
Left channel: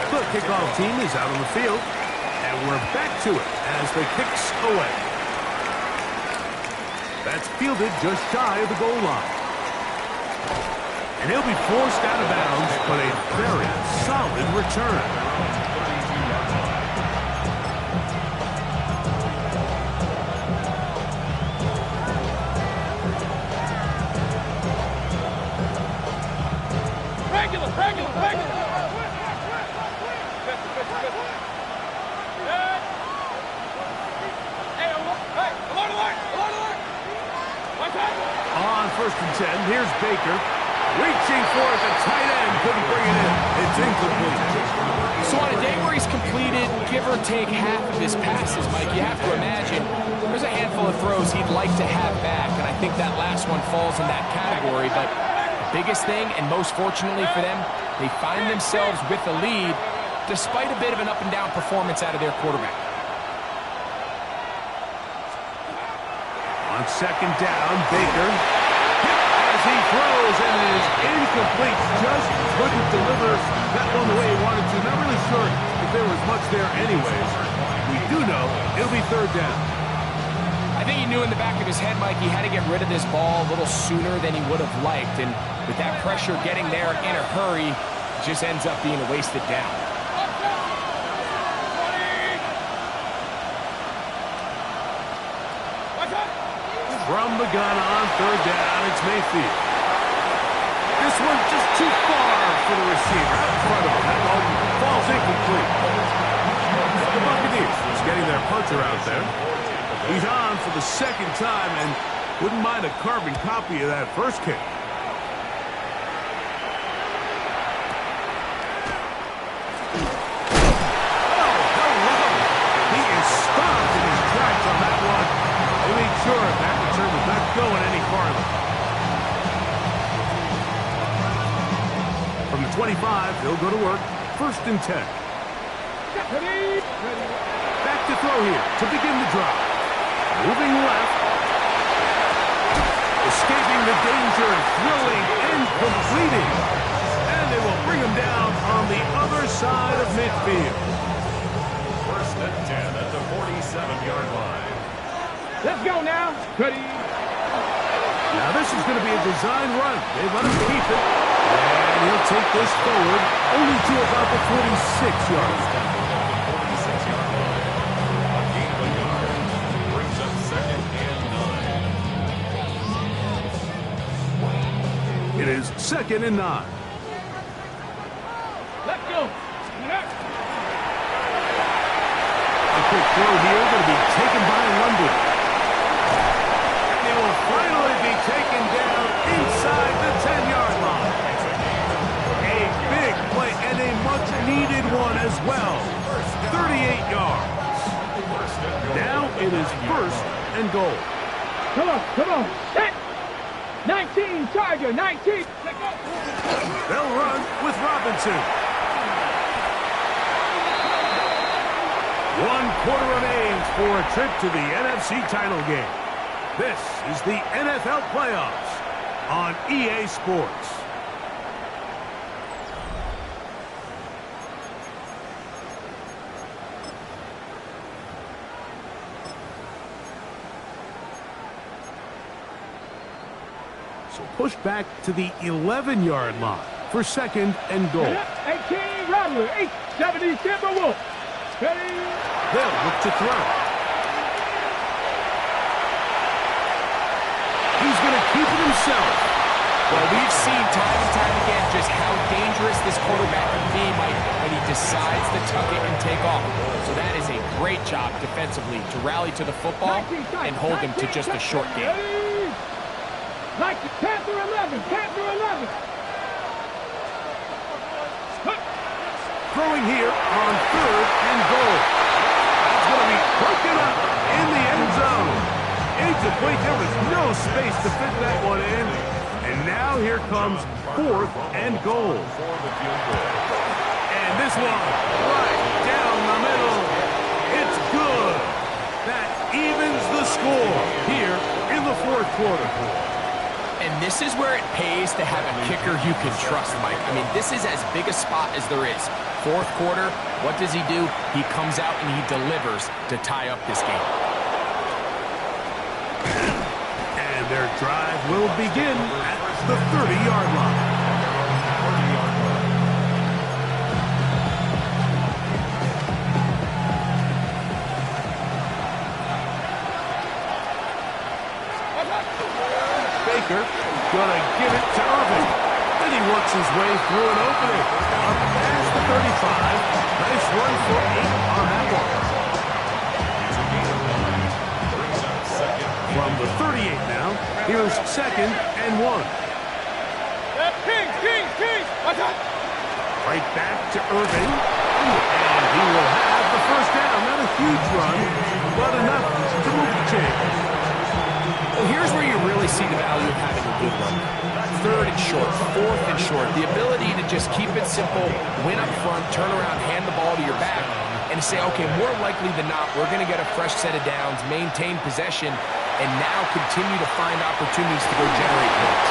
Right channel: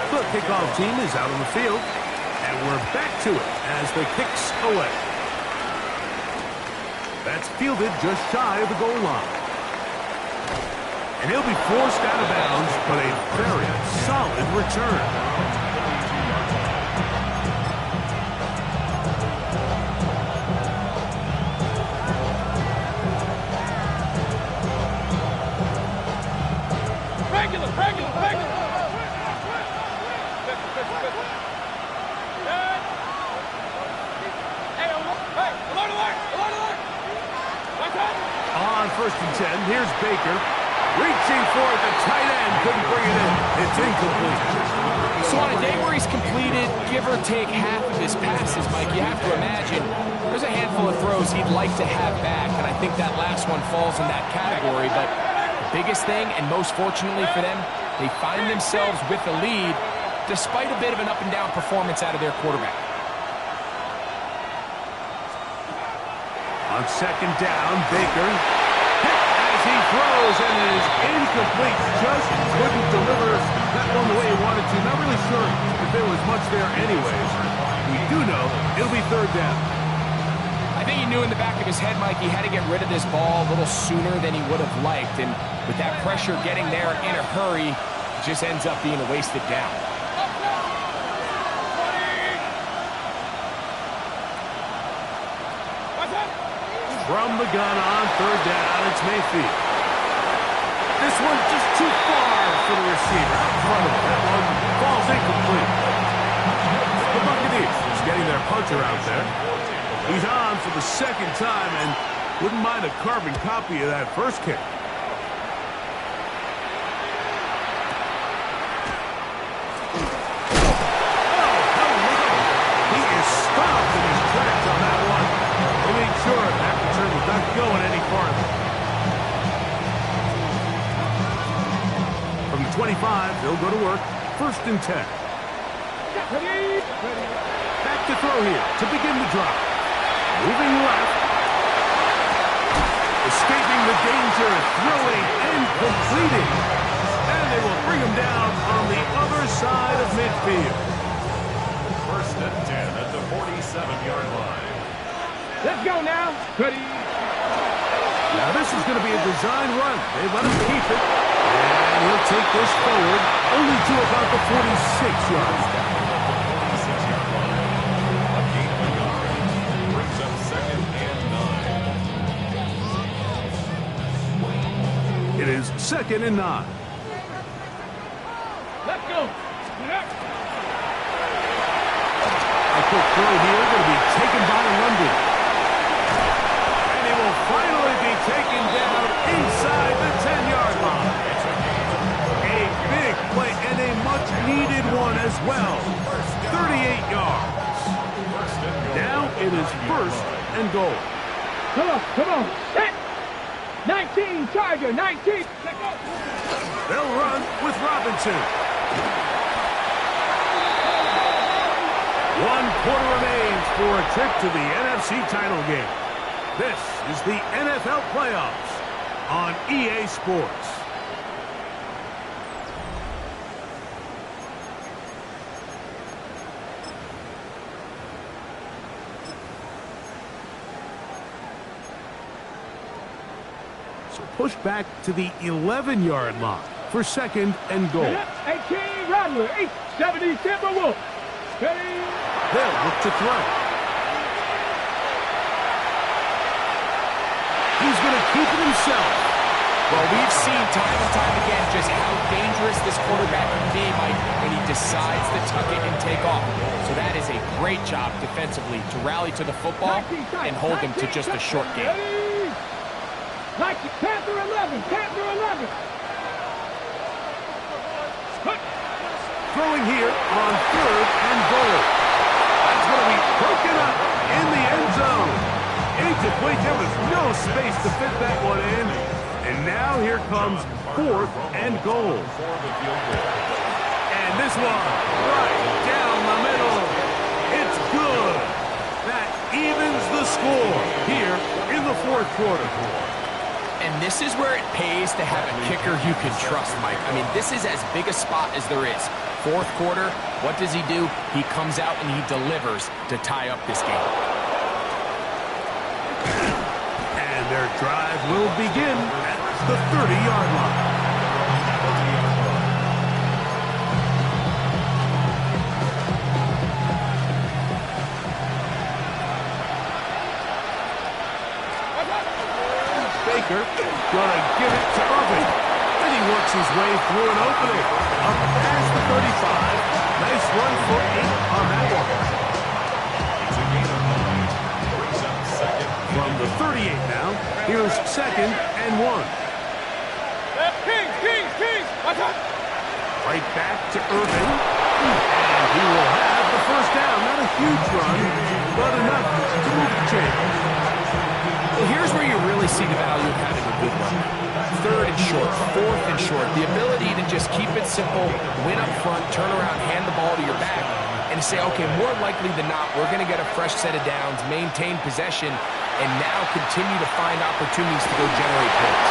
The kickoff team is out on the field, and we're back to it as the kick's away. That's fielded just shy of the goal line. And he'll be forced out of bounds, but a very solid return. Regular. On 1st and 10, here's Baker. Reaching for it, the tight end couldn't bring it in. It's incomplete. So on a day where he's completed, give or take half of his passes, Mike, you have to imagine there's a handful of throws he'd like to have back, and I think that last one falls in that category. But the biggest thing, and most fortunately for them, they find themselves with the lead despite a bit of an up-and-down performance out of their quarterback. On 2nd down, Baker hit as he throws, and it is incomplete. Just couldn't deliver that one the way he wanted to. Not really sure if there was much there anyways. We do know it'll be 3rd down. I think he knew in the back of his head, Mike, he had to get rid of this ball a little sooner than he would have liked. And with that pressure getting there in a hurry, it just ends up being a wasted down. From the gun on 3rd down, it's Mayfield. This one just too far for the receiver. Out in front of him. That one falls incomplete. The Buccaneers just getting their punter out there. He's on for the 2nd time and wouldn't mind a carbon copy of that first kick. Oh, hello! He is stopped in his tracks on that one. They made sure that return was not going any farther. From the 25, they'll go to work. 1st and 10. Back to throw here to begin the drive. Moving left. Escaping the danger, throwing and completing. And they will bring him down on the other side of midfield. 1st and 10 at the 47-yard line. Let's go now. Ready. Now this is going to be a design run. They let him keep it. And he'll take this forward only to about the 46-yard line. A gain of a yard. Brings up 2nd and 9. It is 2nd and 9. Let's go. A quick throw here going to be taken by London. And he will finally be taken down inside the 10-yard line. A big play and a much-needed one as well. 38 yards. Now it is 1st and goal. Come on. Set. 19, Charger, 19. Let's go. They'll run with Robinson. 1 quarter remains for a trip to the NFC title game. This is the NFL playoffs on EA Sports. So push back to the 11-yard line for 2nd and goal. 18, Rattler, 870, Timberwolf. Ready. They'll look to throw. He's going to keep it himself. Well, we've seen time and time again just how dangerous this quarterback can be, Mike, when he decides to tuck it and take off. So that is a great job defensively to rally to the football and hold him to just a short game. Panther 11, Panther 11. Throwing here on 3rd and goal. That's going to be broken up in the end zone. Incomplete. There was no space to fit that one in. And now here comes 4th and goal. And this one right down the middle. It's good. That evens the score here in the 4th quarter. And this is where it pays to have a kicker you can trust, Mike. I mean, this is as big a spot as there is. 4th quarter, what does he do? He comes out and he delivers to tie up this game. And their drive will begin at the 30-yard line. Baker gonna give it to Irving. Then he works his way through an opening. Up past the 35. Nice run for 8 on that one. It's a gain of 9. Brings up 2nd. From the 38 now, here's 2nd and 1. Kings. Watch out. Right back to Irving. And he will have the first down. Not a huge run, but enough to move the chains. Well, here's where you really see the value of having a good run. 3rd and short, 4th and short. The ability to just keep it simple, win up front, turn around, hand the ball to your back, and to say, okay, more likely than not, we're going to get a fresh set of downs, maintain possession, and now continue to find opportunities to go generate points.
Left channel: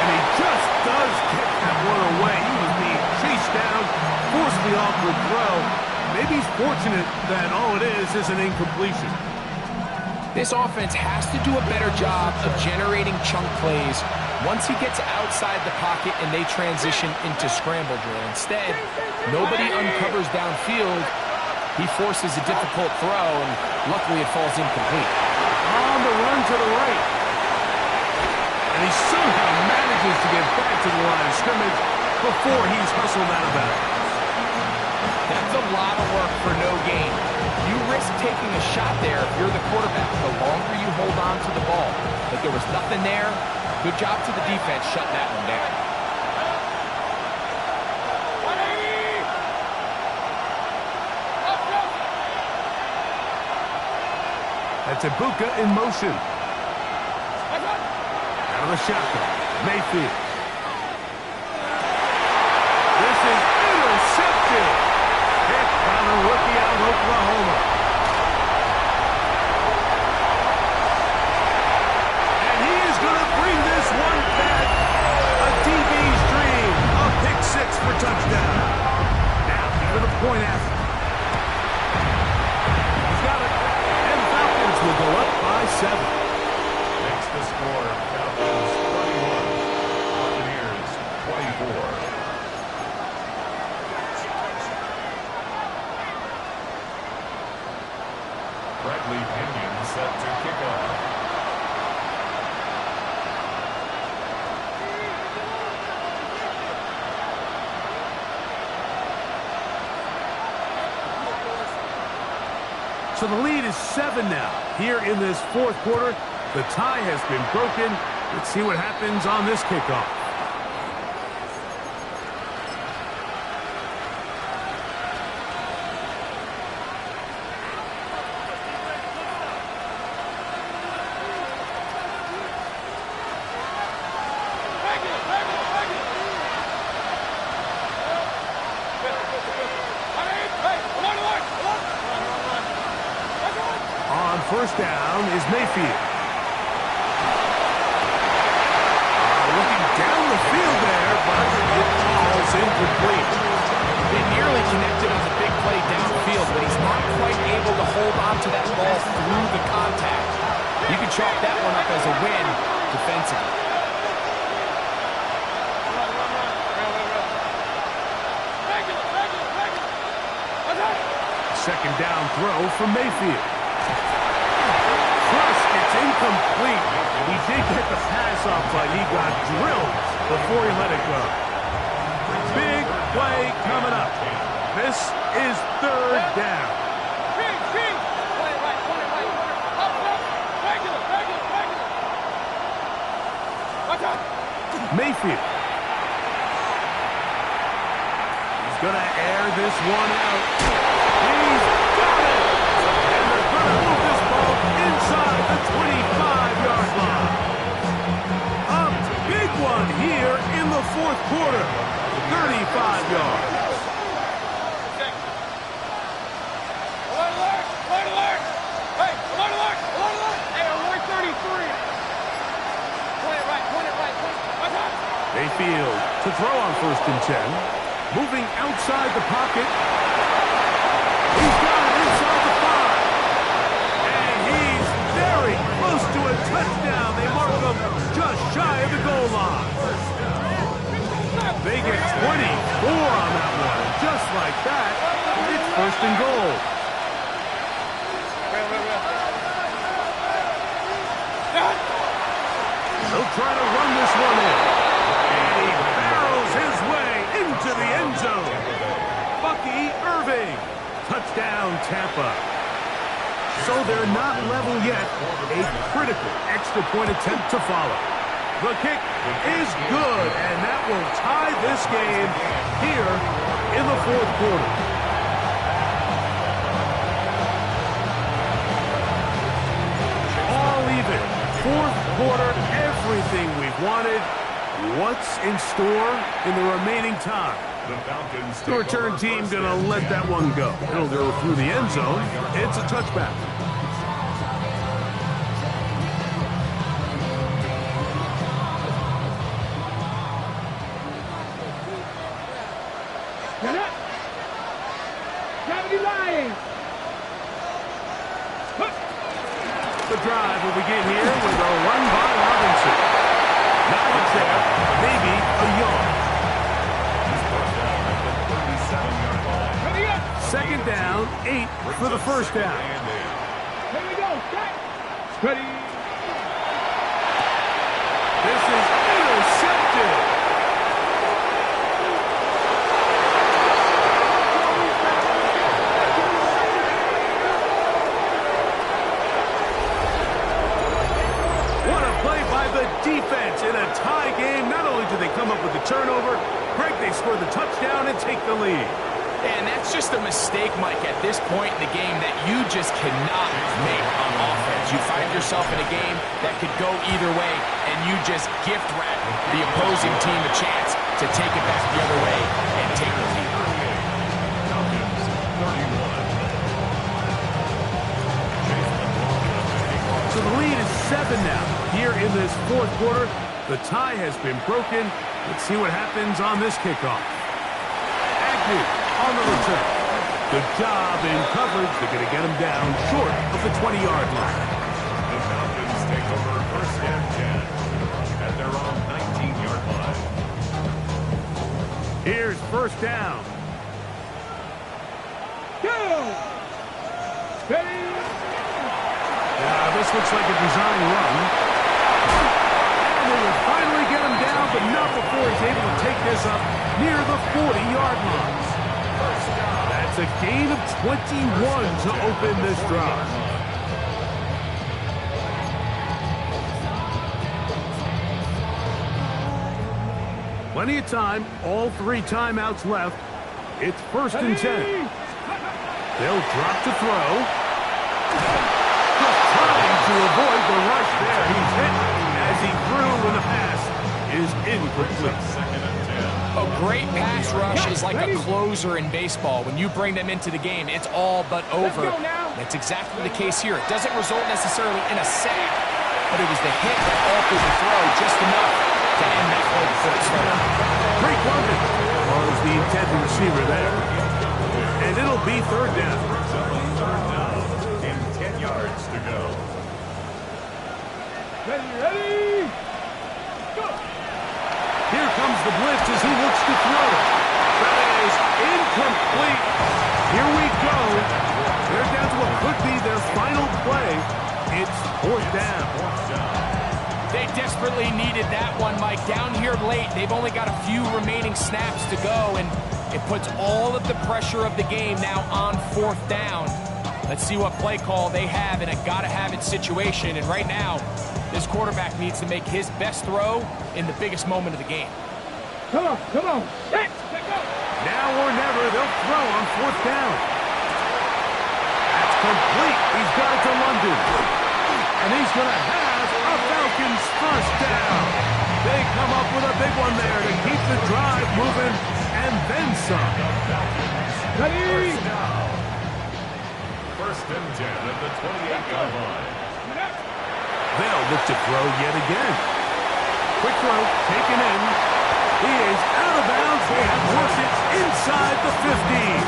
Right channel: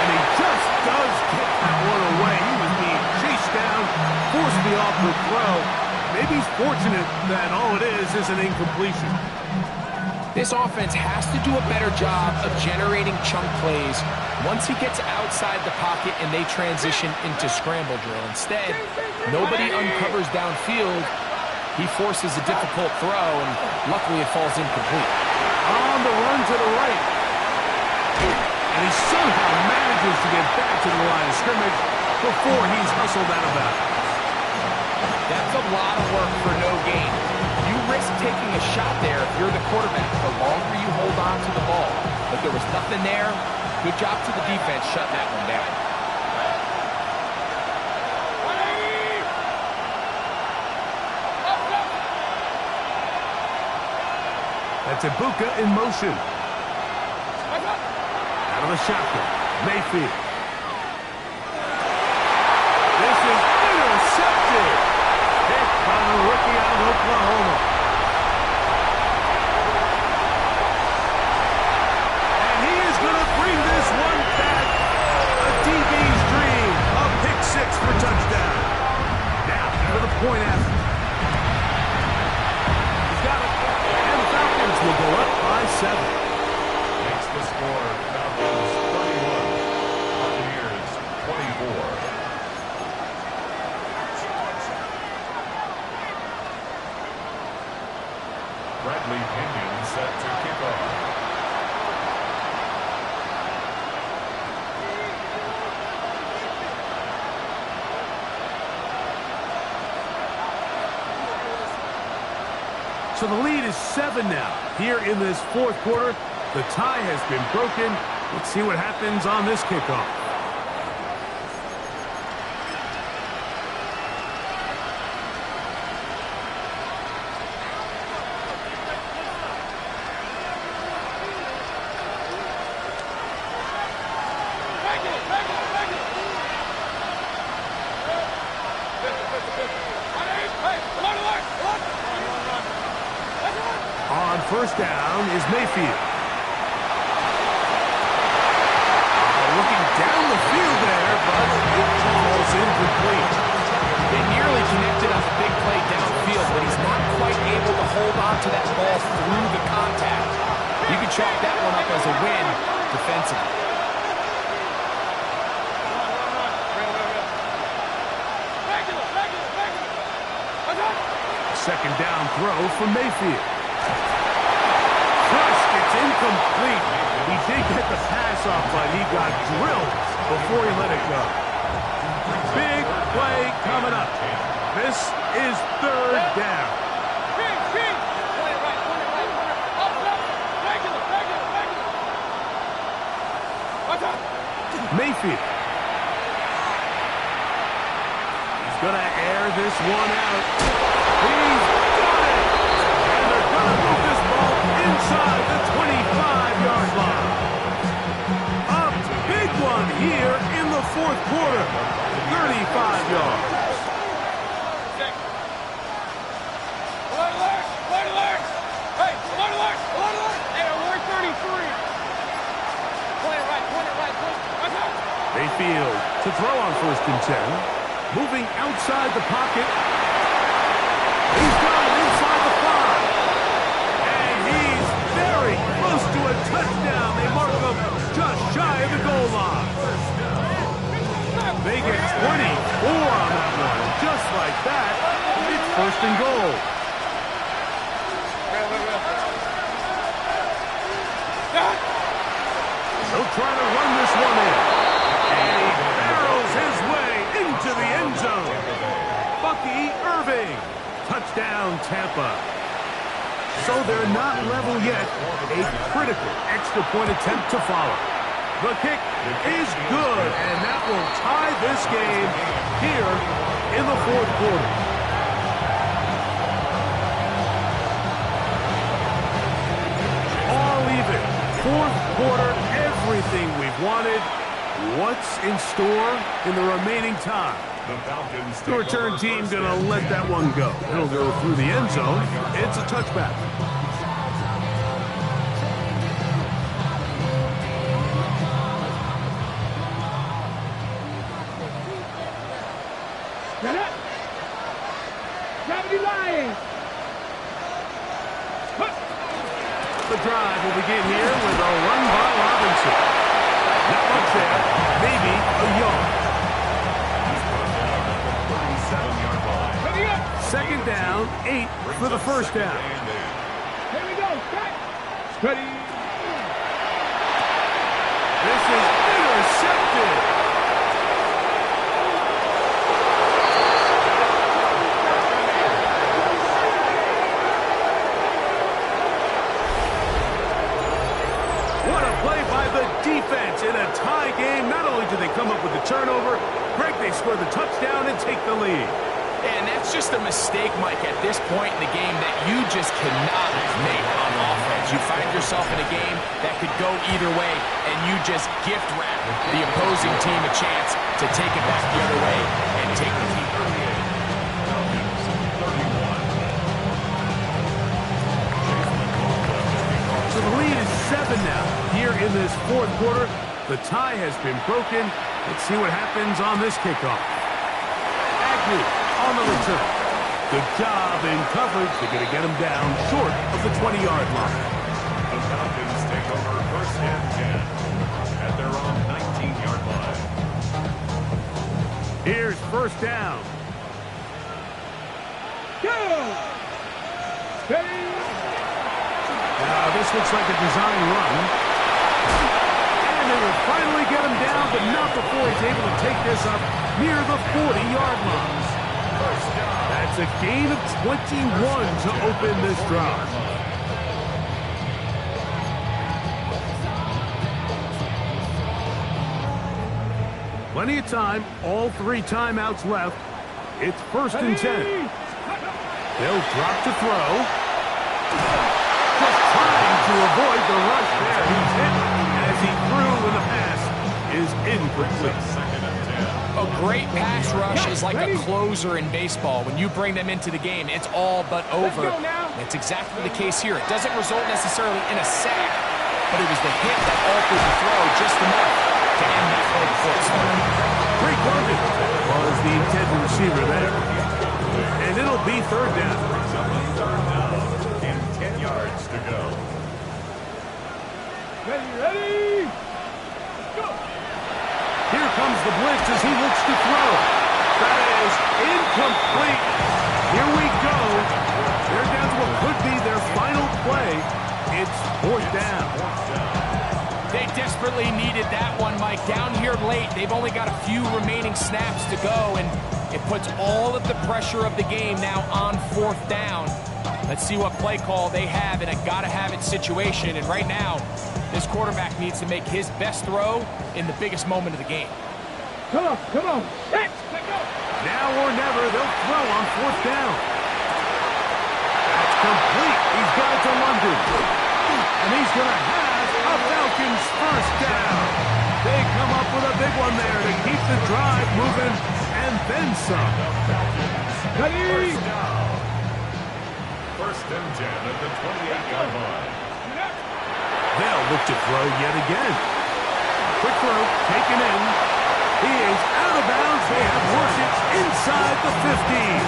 And he just does get that one away. He was being chased down, forced the awkward throw. Maybe he's fortunate that all it is an incompletion. This offense has to do a better job of generating chunk plays once he gets outside the pocket and they transition into scramble drill. Instead, nobody uncovers downfield. He forces a difficult throw, and luckily it falls incomplete. On the run to the right. And he somehow manages to get back to the line of scrimmage before he's hustled out of bounds. That's a lot of work for no gain. You risk taking a shot there if you're the quarterback the longer you hold on to the ball. But there was nothing there. Good job to the defense shutting that one down. That's Ibuka in motion. Out of the shotgun. Mayfield. This is intercepted. Hit by the rookie out of Oklahoma. And he is going to bring this one back. A DB's dream. A pick 6 for touchdown. Now for the point after. He's got it. And the Falcons will go up by 7. Makes the score Falcons 31. Buccaneers 24. Bradley Pinion set to kick off. So the lead is 7 now. Here in this 4th quarter, the tie has been broken. Let's see what happens on this kickoff. On first down is Mayfield. Looking down the field there, but it falls incomplete. They nearly connected on the big play downfield, but he's not quite able to hold on to that ball through the contact. You can chalk that one up as a win defensively. Second down throw from Mayfield. thrust. It's incomplete. He did get the pass off, but he got drilled before he let it go. Big play coming up. This is third down. Point it right. Up. Regular. Watch out. Mayfield. He's going to air this one out. He's got it. And they're going to move this ball inside the 25-yard line. A big one here in the fourth quarter. 35 yards. Alert! Hey, alert! Hey, alert 33. Point it right. Watch out. Mayfield to throw on 1st and 10. Moving outside the pocket. He's got it inside the 5. And he's very close to a touchdown. They mark him just shy of the goal line. They get 24 on that one. Just like that, it's 1st and goal. They'll try to run this one in. And he barrels his way into the end zone. Bucky Irving. Touchdown, Tampa. So they're not level yet. A critical extra point attempt to follow. The kick is good, and that will tie this game here in the fourth quarter. All even. Fourth quarter, everything we've wanted. What's in store in the remaining time? The Falcons. The return team going to let that one go. It'll go through the end zone. It's a touchback. Get up. Gravity line. The drive will begin here with a run by Robinson. Not much there. Maybe a yard. He's brought down at the 37-yard line. Ready up. 2nd down, 8 for the first down. Here we go. Strike. Ready. This is intercepted. What a play by the defense in a tie game. Not only do they come up with the turnover, Greg, they score the touchdown and take the lead. And that's just a mistake, Mike, at this point in the game that you just cannot make on offense. You find yourself in a game that could go either way, and you just gift wrap the opposing team a chance to take it back the other way and take the lead. Falcons 31. So the lead is 7 now. Here in this fourth quarter, the tie has been broken. Let's see what happens on this kickoff. Agnew on the return. Good job in coverage. They're going to get him down short of the 20-yard line. The Falcons take over 1st and 10 at their own 19-yard line. Here's 1st down. Go. Ready. Now this looks like a design run. And they will finally get him down, but not before he's able to take this up near the 40-yard line. That's a gain of 21 to open this drive. Plenty of time, all 3 timeouts left. It's 1st and 10. They'll drop to throw. Just trying to avoid the rush there. He's hit as he threw when the pass is incomplete. 2nd and 10. A great pass rush is like a closer in baseball. When you bring them into the game, it's all but over. That's exactly the case here. It doesn't result necessarily in a sack, but it was the hit that altered the throw just enough to end that play before it started. Drake London was the intended receiver there. And it'll be 3rd down. Brings up a 3rd down and 10 yards to go. Ready. Go. Here comes the blitz as he looks to throw. That is incomplete. Here we go. They're down to what could be their final play. It's fourth down. They desperately needed that one, Mike. Down here late, they've only got a few remaining snaps to go, and it puts all of the pressure of the game now on fourth down. Let's see what play call they have in a gotta-have-it situation. And right now, this quarterback needs to make his best throw in the biggest moment of the game. Come on, come on. Let's go. Now or never, they'll throw on fourth down. That's complete. He's got it to London. And he's going to have a Falcons first down. They come up with a big one there to keep the drive moving and then some. Ready? First and 10 at the 28-yard line. They'll look to throw yet again. Quick throw, taken in. He is out of bounds. They have worked it inside the 15.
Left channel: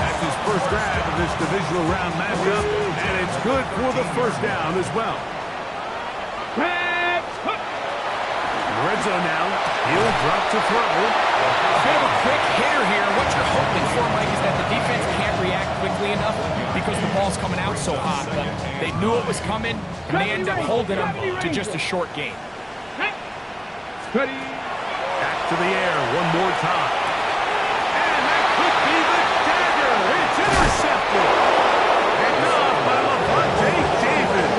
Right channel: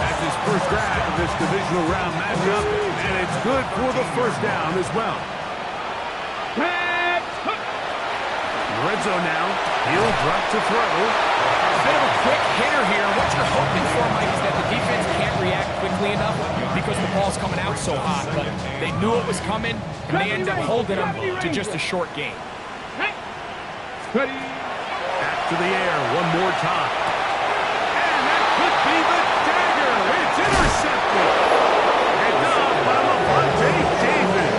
That's his first grab of this divisional round matchup, and it's good for the first down as well. In the red zone now, he'll drop to throw. A bit of a quick hitter here. What you're hoping for, Mike, is that the defense can't react quickly enough because the ball's coming out so hot. But they knew it was coming, and they end up holding them to just a short gain. Ready? Back to the air one more time. And that could be the dagger. It's intercepted. Picked off by Levante David.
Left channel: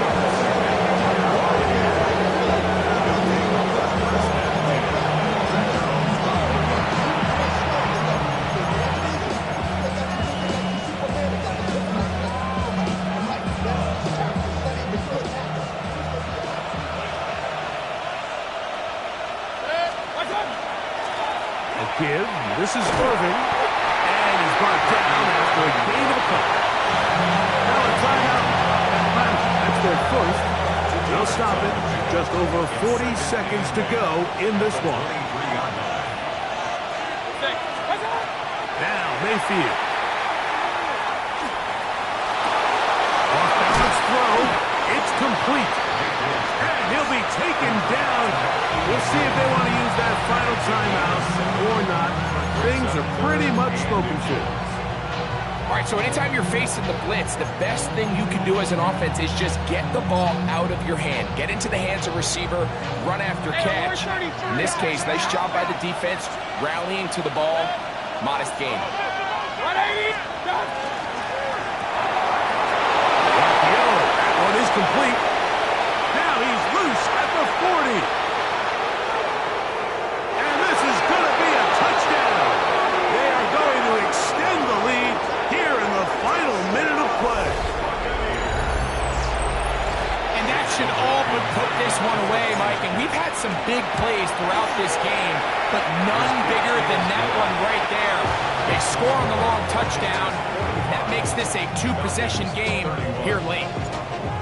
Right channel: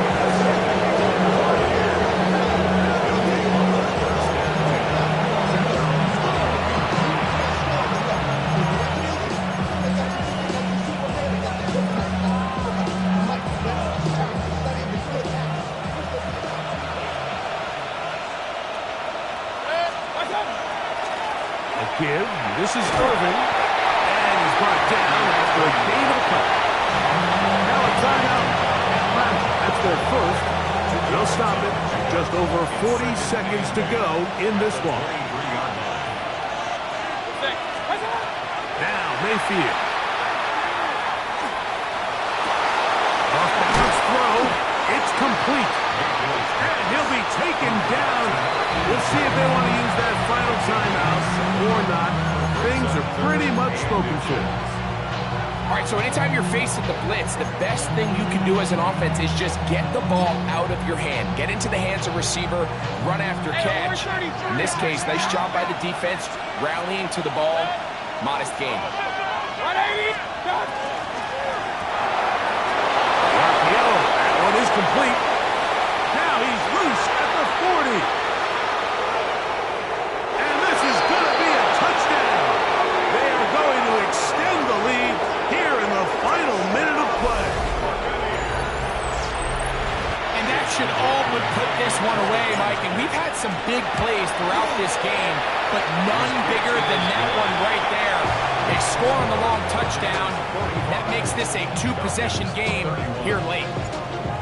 Give. This is Irvin. And he's brought down after a gain of a couple. Now a timeout. That's their first. They'll stop it. Just over 40 seconds to go in this one. Now Mayfield. Off balance throw. It's complete. And he'll be taken down. We'll see if they want to use that final timeout or not. Things are pretty much spoken for. All right, so anytime you're facing the blitz, the best thing you can do as an offense is just get the ball out of your hand. Get into the hands of receiver, run after catch. In this case, nice job by the defense, rallying to the ball. Modest gain. The RPO, that one is complete. Now he's loose at the 40. And this is going to be a touchdown. They are going to extend the lead here in the final minute of play. And that should all but put this one away, Mike. And we've had some big plays throughout this game, but none bigger than that one right there. They score on the long touchdown. That makes this a two-possession game here late.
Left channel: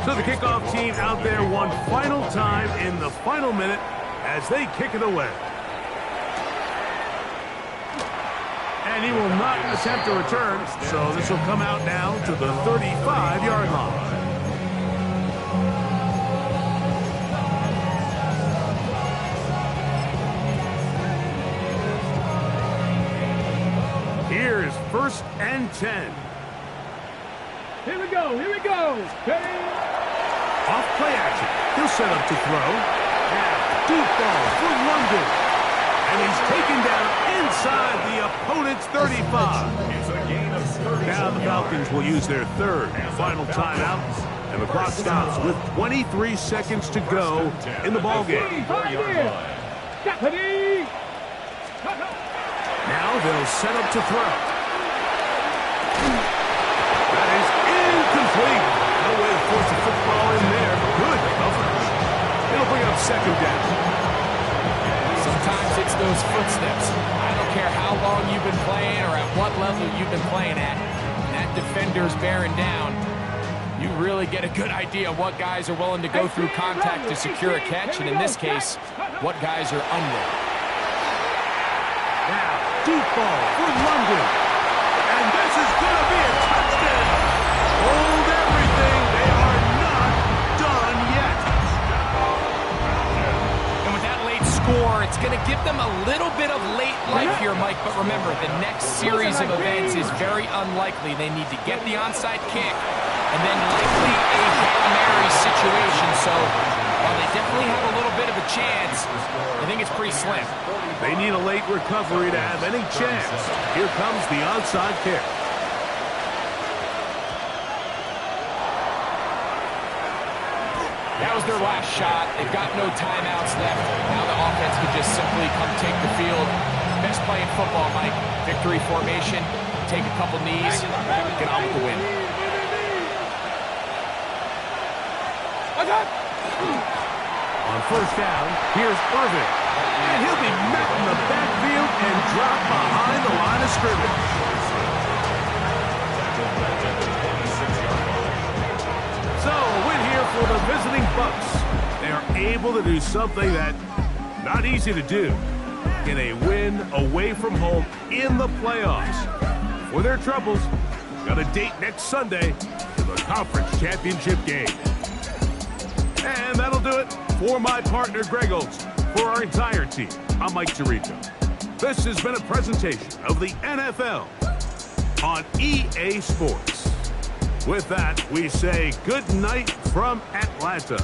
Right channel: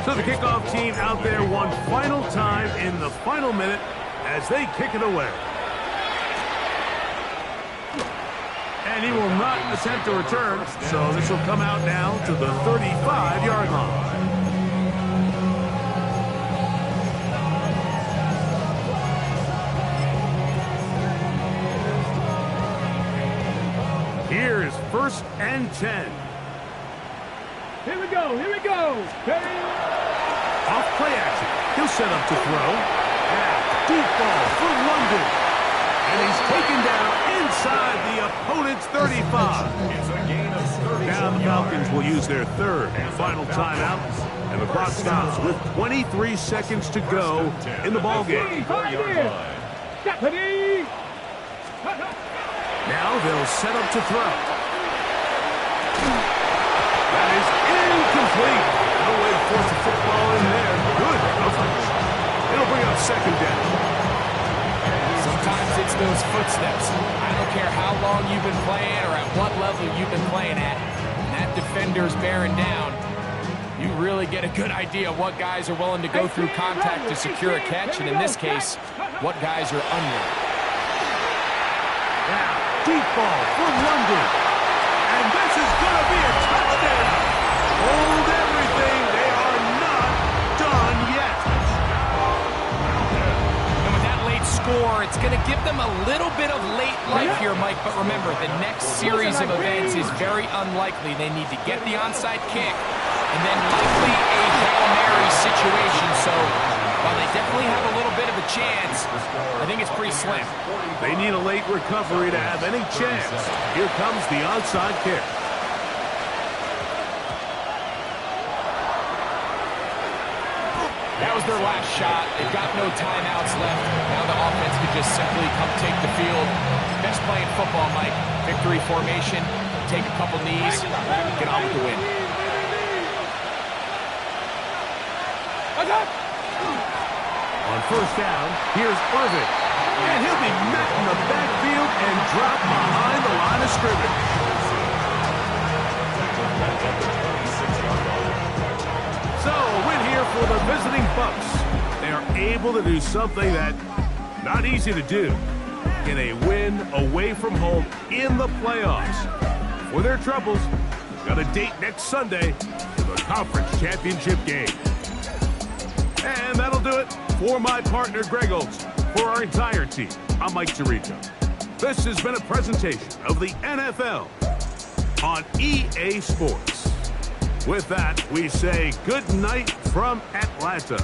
So the kickoff team out there one final time in the final minute as they kick it away. And he will not attempt a return, so this will come out now to the 35-yard line. Here's first and 10. Here we go, here we go. Ready? Off play action. He'll set up to throw. Now, deep ball for London. And he's taken down inside the opponent's 35. It's a gain of 30. Now the Falcons will use their third and final timeout. And the clock stops with 23 seconds to go in the ballgame. Ready? Now they'll set up to throw. That is incomplete. No way to force a football in there. Good coverage. It'll bring up second down. Sometimes it's those footsteps. I don't care how long you've been playing or at what level you've been playing at. When that defender's bearing down, you really get a good idea of what guys are willing to go through contact to secure a catch, and in this case, what guys are unwilling. Now, deep ball for London. And this is going to be a touchdown. Hold everything. They are not done yet. And with that late score, it's going to give them a little bit of late life here, Mike. But remember, the next series of events is very unlikely. They need to get the onside kick and then likely a Hail Mary situation. So while they definitely have a little bit of a chance, I think it's pretty slim. They need a late recovery to have any chance. Here comes the onside kick. That was their last shot. They've got no timeouts left. Now the offense could just simply come take the field. Best play in football, Mike. Victory formation, take a couple knees, get on with the win. On first down, here's Irving. And he'll be met in the backfield and dropped behind the line of scrimmage. So, a win here for the visiting Bucks. They are able to do something that not easy to do. Get a win away from home in the playoffs. For their troubles, got a date next Sunday for the conference championship game. And that'll do it for my partner, Greg Olson. For our entire team, I'm Mike Tirico. This has been a presentation of the NFL on EA Sports. With that, we say good night from Atlanta.